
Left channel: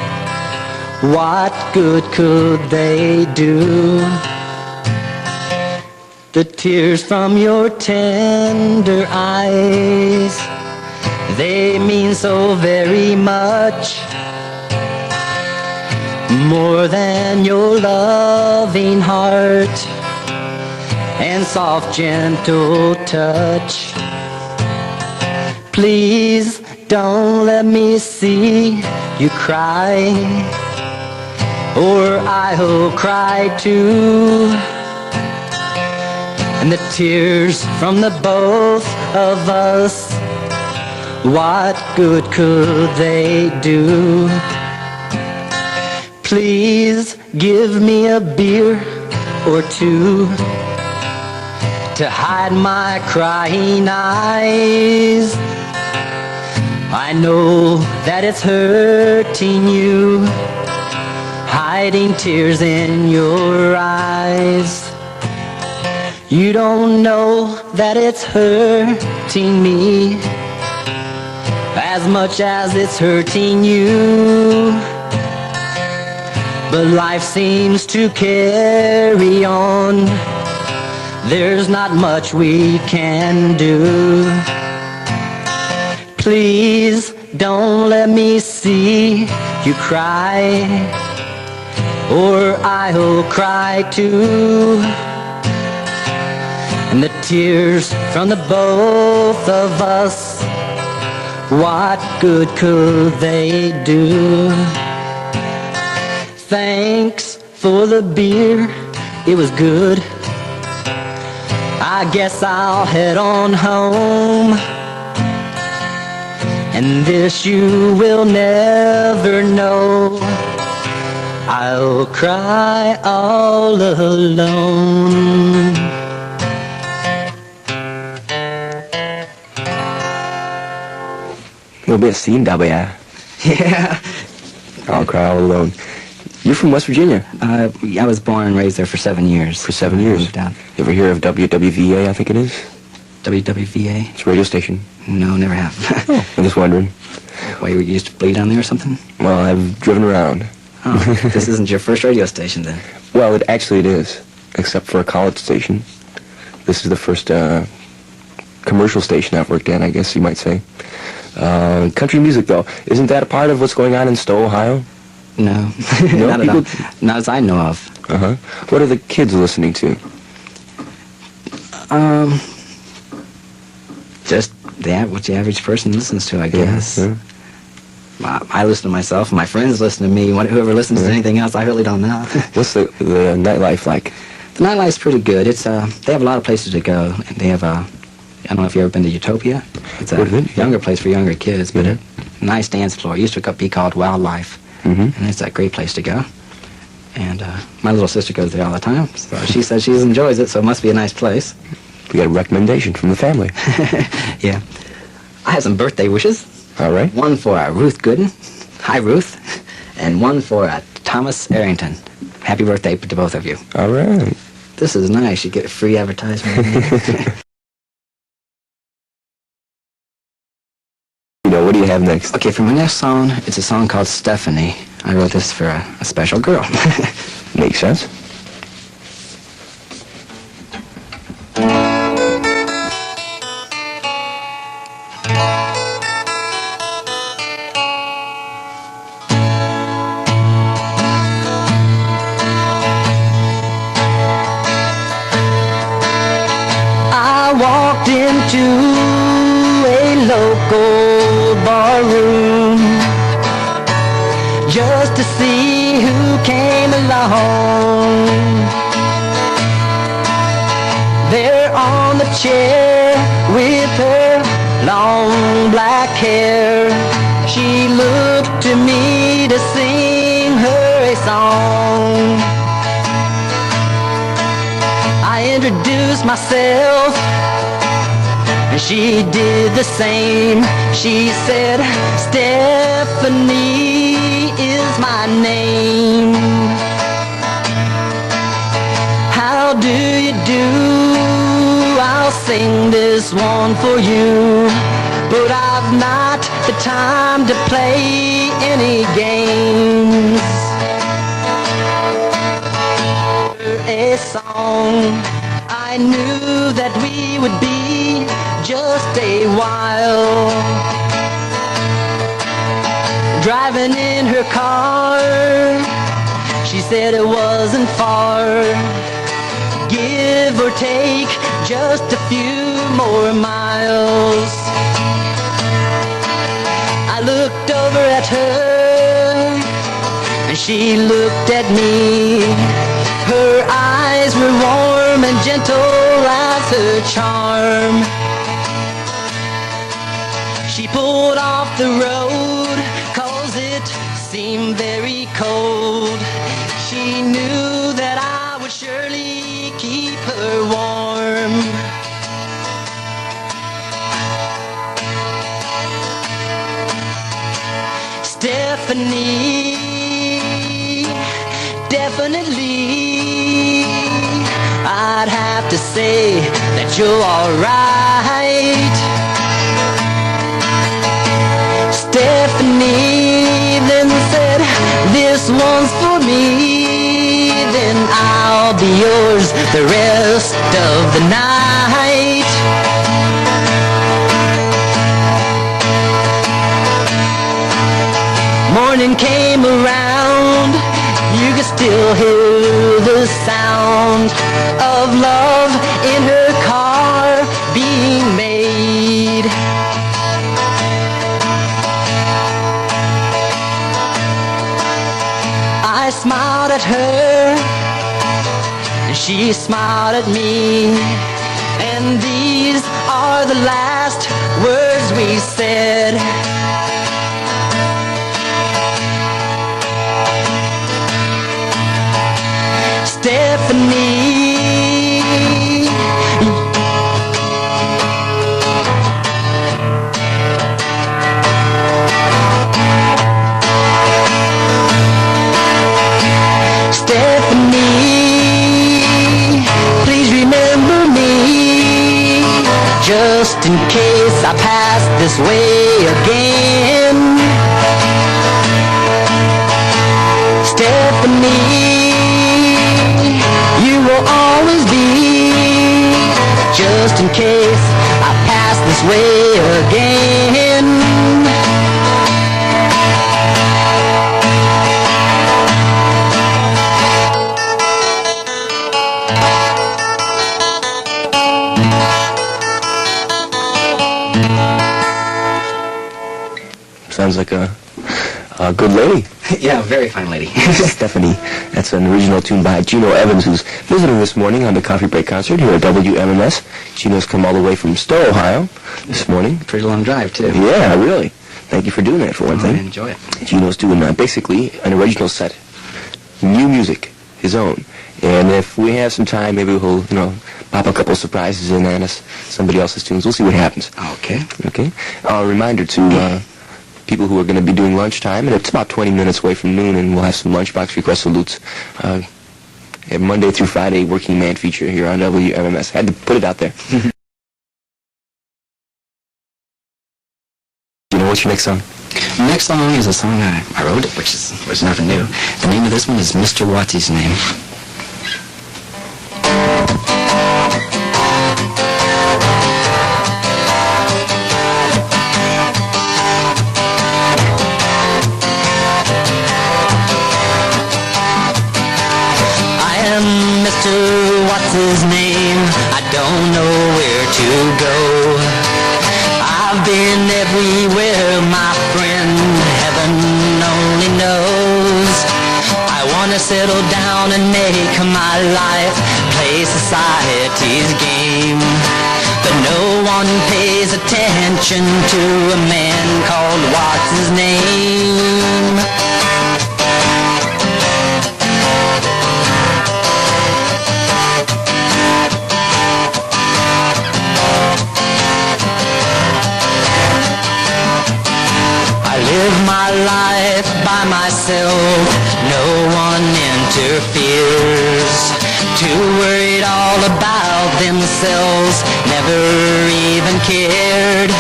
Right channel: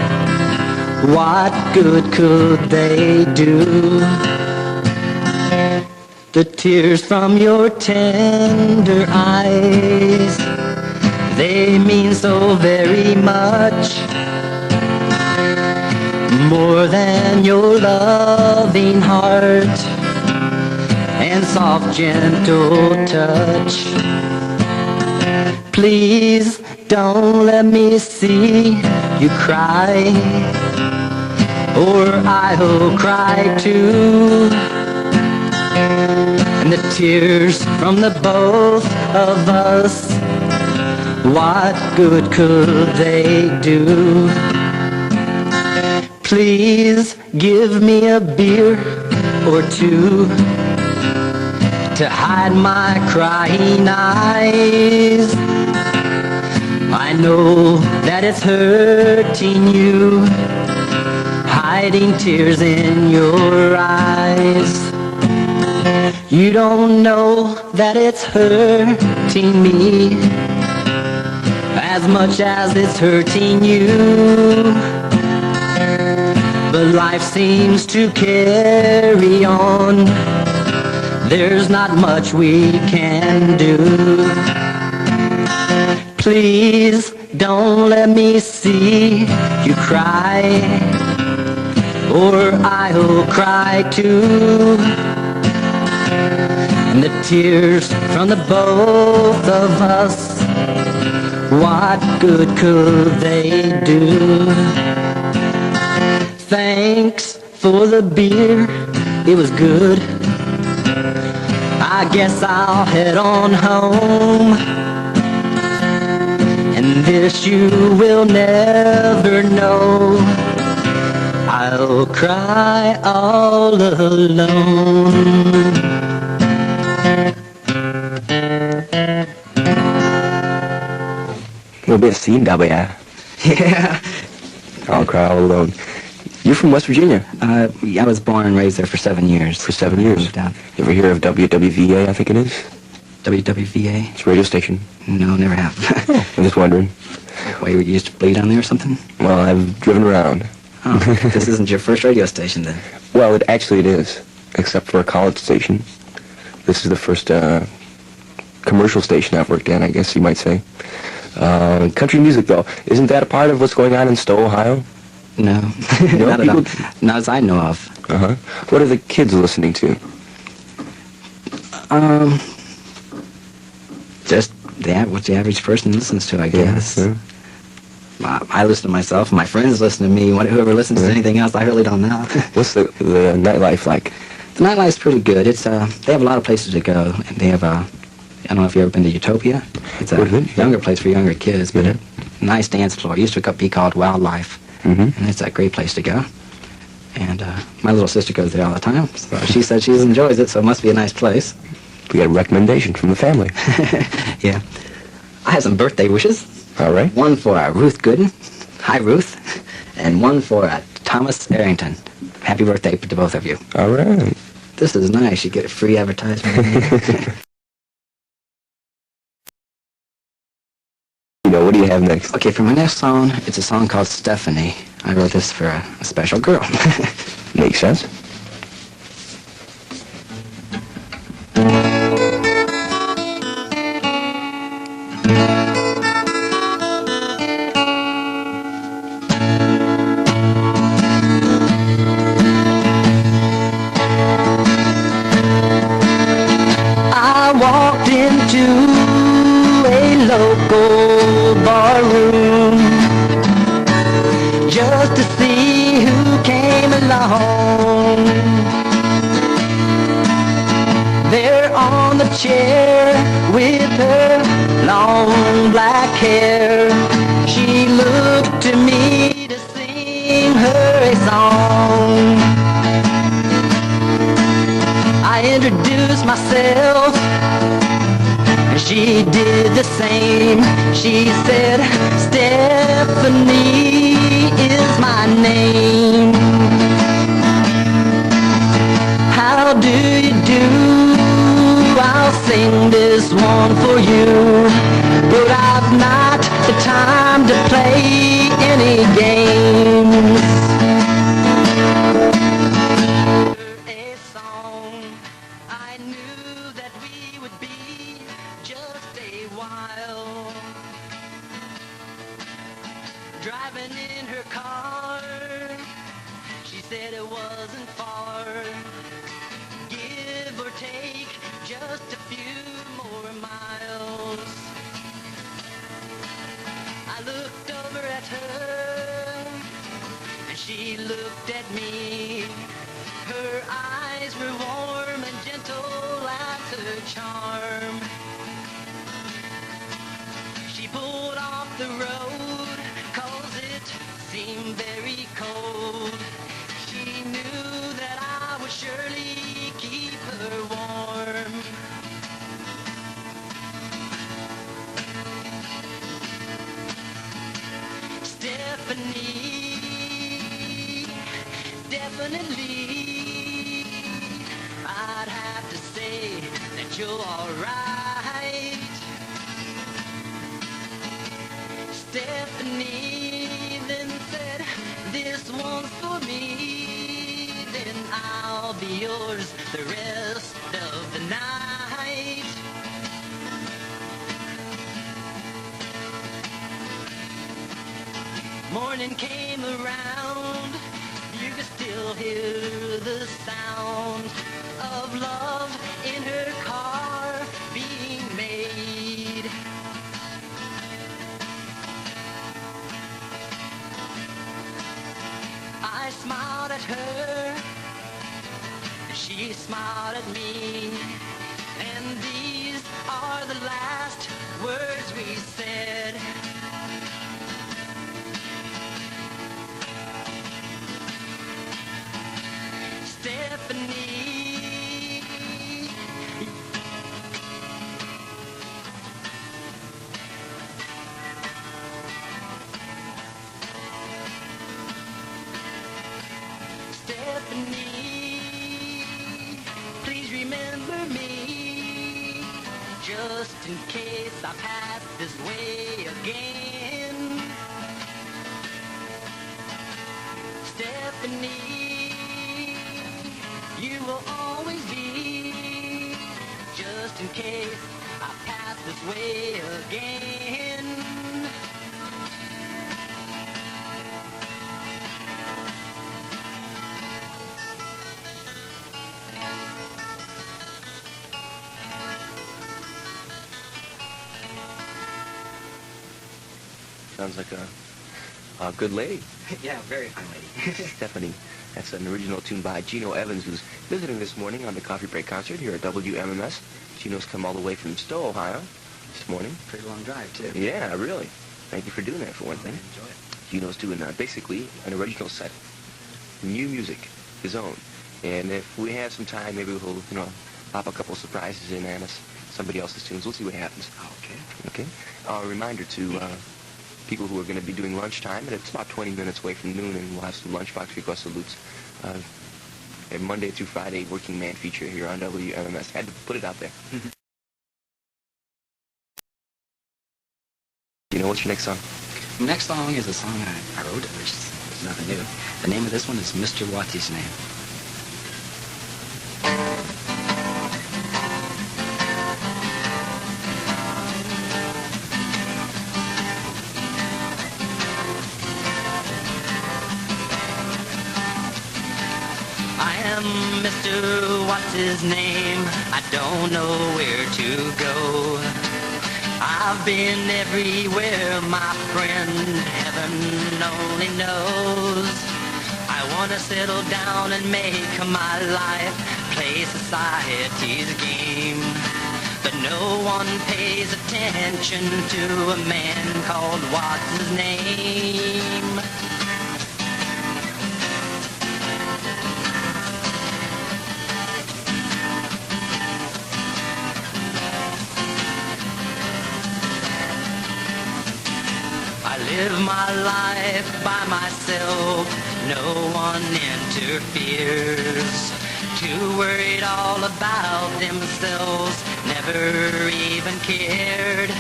what good could they do? The tears from your tender eyes, they mean so very much, more than your loving heart and soft gentle touch. Please don't let me see you cry, or I'll cry too. And the tears from the both of us, what good could they do? Please give me a beer or two to hide my crying eyes. I know that it's hurting you, hiding tears in your eyes. You don't know that it's hurting me as much as it's hurting you. But life seems to carry on, there's not much we can do. Please don't let me see you cry, or I'll cry too. And the tears from the both of us, what good could they do? Thanks for the beer, it was good. I guess I'll head on home. And this you will never know, I'll cry all alone. A little bit of scene, yeah. Yeah. I'll cry all alone. You're from West Virginia. I was born and raised there for 7 years. For 7 years. Moved out. You ever hear of WWVA, I think it is? WWVA? It's a radio station. No, never have. I'm just wondering. Why, you used to play down there or something? Well, I've driven around. Oh, this isn't your first radio station then? Well, it is, except for a college station. This is the first commercial station I've worked in, I guess you might say. Country music, though, isn't that a part of what's going on in Stowe, Ohio? No, No, not at all. Not as I know of. Uh-huh. What are the kids listening to? Just what the average person listens to, I guess. Yeah. I listen to myself, my friends listen to me. Whoever listens to anything else, I really don't know. What's the nightlife like? The nightlife's pretty good. It's they have a lot of places to go. And they have I don't know if you've ever been to Utopia. It's a younger place for younger kids, but a nice dance floor. It used to be called Wildlife, and it's a great place to go. And my little sister goes there all the time, so she says she enjoys it, so it must be a nice place. We got a recommendation from the family. Yeah. I have some birthday wishes. All right. One for Ruth Gooden. Hi, Ruth. And one for Thomas Arrington. Happy birthday to both of you. All right. This is nice. You get a free advertisement. What do you have next? Okay, for my next song, it's a song called Stephanie. I wrote this for a special girl. Makes sense. I walked into a local barroom just to see who came along. There on the chair with her long black hair, she looked introduce myself, and she did the same. She said, Stephanie is my name. How do you do? I'll sing this one for you, but I've not the time to play any games. A song, I knew that we would be just a while. Driving in her car, she said it wasn't far. Give or take just a few more miles. I looked over at her, and she looked at me. Her eyes were warm and gentle as her charm. She pulled off the road, 'cause it seemed very cold. She knew that I would surely keep her warm. Stephanie, definitely, I'd have to say that you're alright. Stephanie then said, this one's for me, then I'll be yours the rest of the night. Morning came around, you could still hear the sound of love in her car being made. I smiled at her, and she smiled at me, and these are the last words we said. Stephanie, Stephanie, please remember me, just in case I pass this way again. Stephanie, you will always be, just in case I pass this way again. Sounds like a good lady. Yeah, very fine lady. Stephanie. That's an original tune by Gino Evans, who's visiting this morning on the Coffee Break concert here at WMMS. Gino's come all the way from Stowe, Ohio this morning. Pretty long drive, too. Yeah, really. Thank you for doing that, for one I thing. enjoy it. Gino's doing basically an original set. New music, his own. And if we have some time, maybe we'll, pop a couple surprises in on us, somebody else's tunes. We'll see what happens. Okay. Okay? A reminder to people who are going to be doing lunchtime, and it's about 20 minutes away from noon, and we'll have some lunchbox request salutes. Monday through Friday, Working Man feature here on WMMS. Had to put it out there. What's your next song? The next song is a song I wrote, which is nothing new. The name of this one is Mr. Watsy's Name. Mr. What's his name? I don't know where to go. I've been everywhere, my friend, heaven only knows. I want to settle down and make my life play society's game. But no one pays attention to a man called What's his name? their fears, too worried all about themselves, never even cared.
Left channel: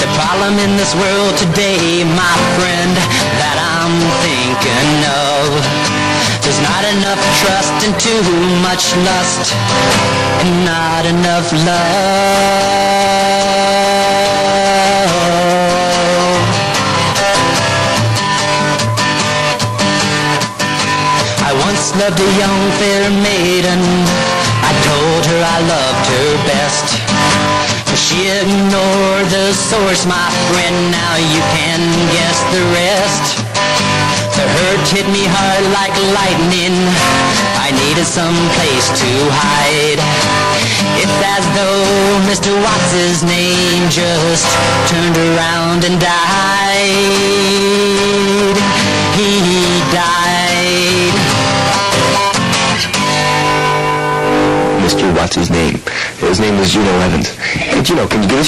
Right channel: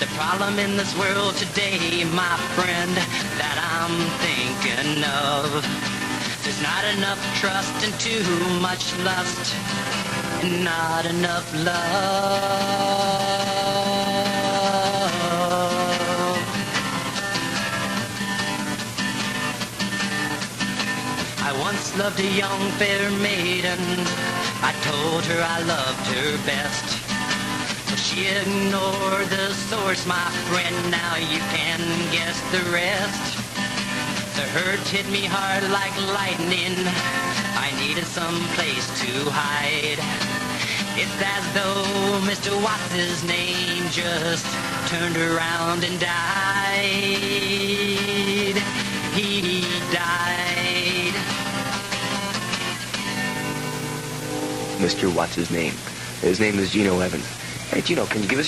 The problem in this world today, my friend, that I'm thinking of, there's not enough trust and too much lust, and not enough love. I once loved a young fair maiden. I told her I loved her best, but she ignored the source, my friend. Now you can guess the rest. The hurt hit me hard like lightning. I needed some place to hide. It's as though Mr. Watts' name just turned around and died. He died. Mr. Watts' name. His name is Gino Evans. Hey, Gino, can you give us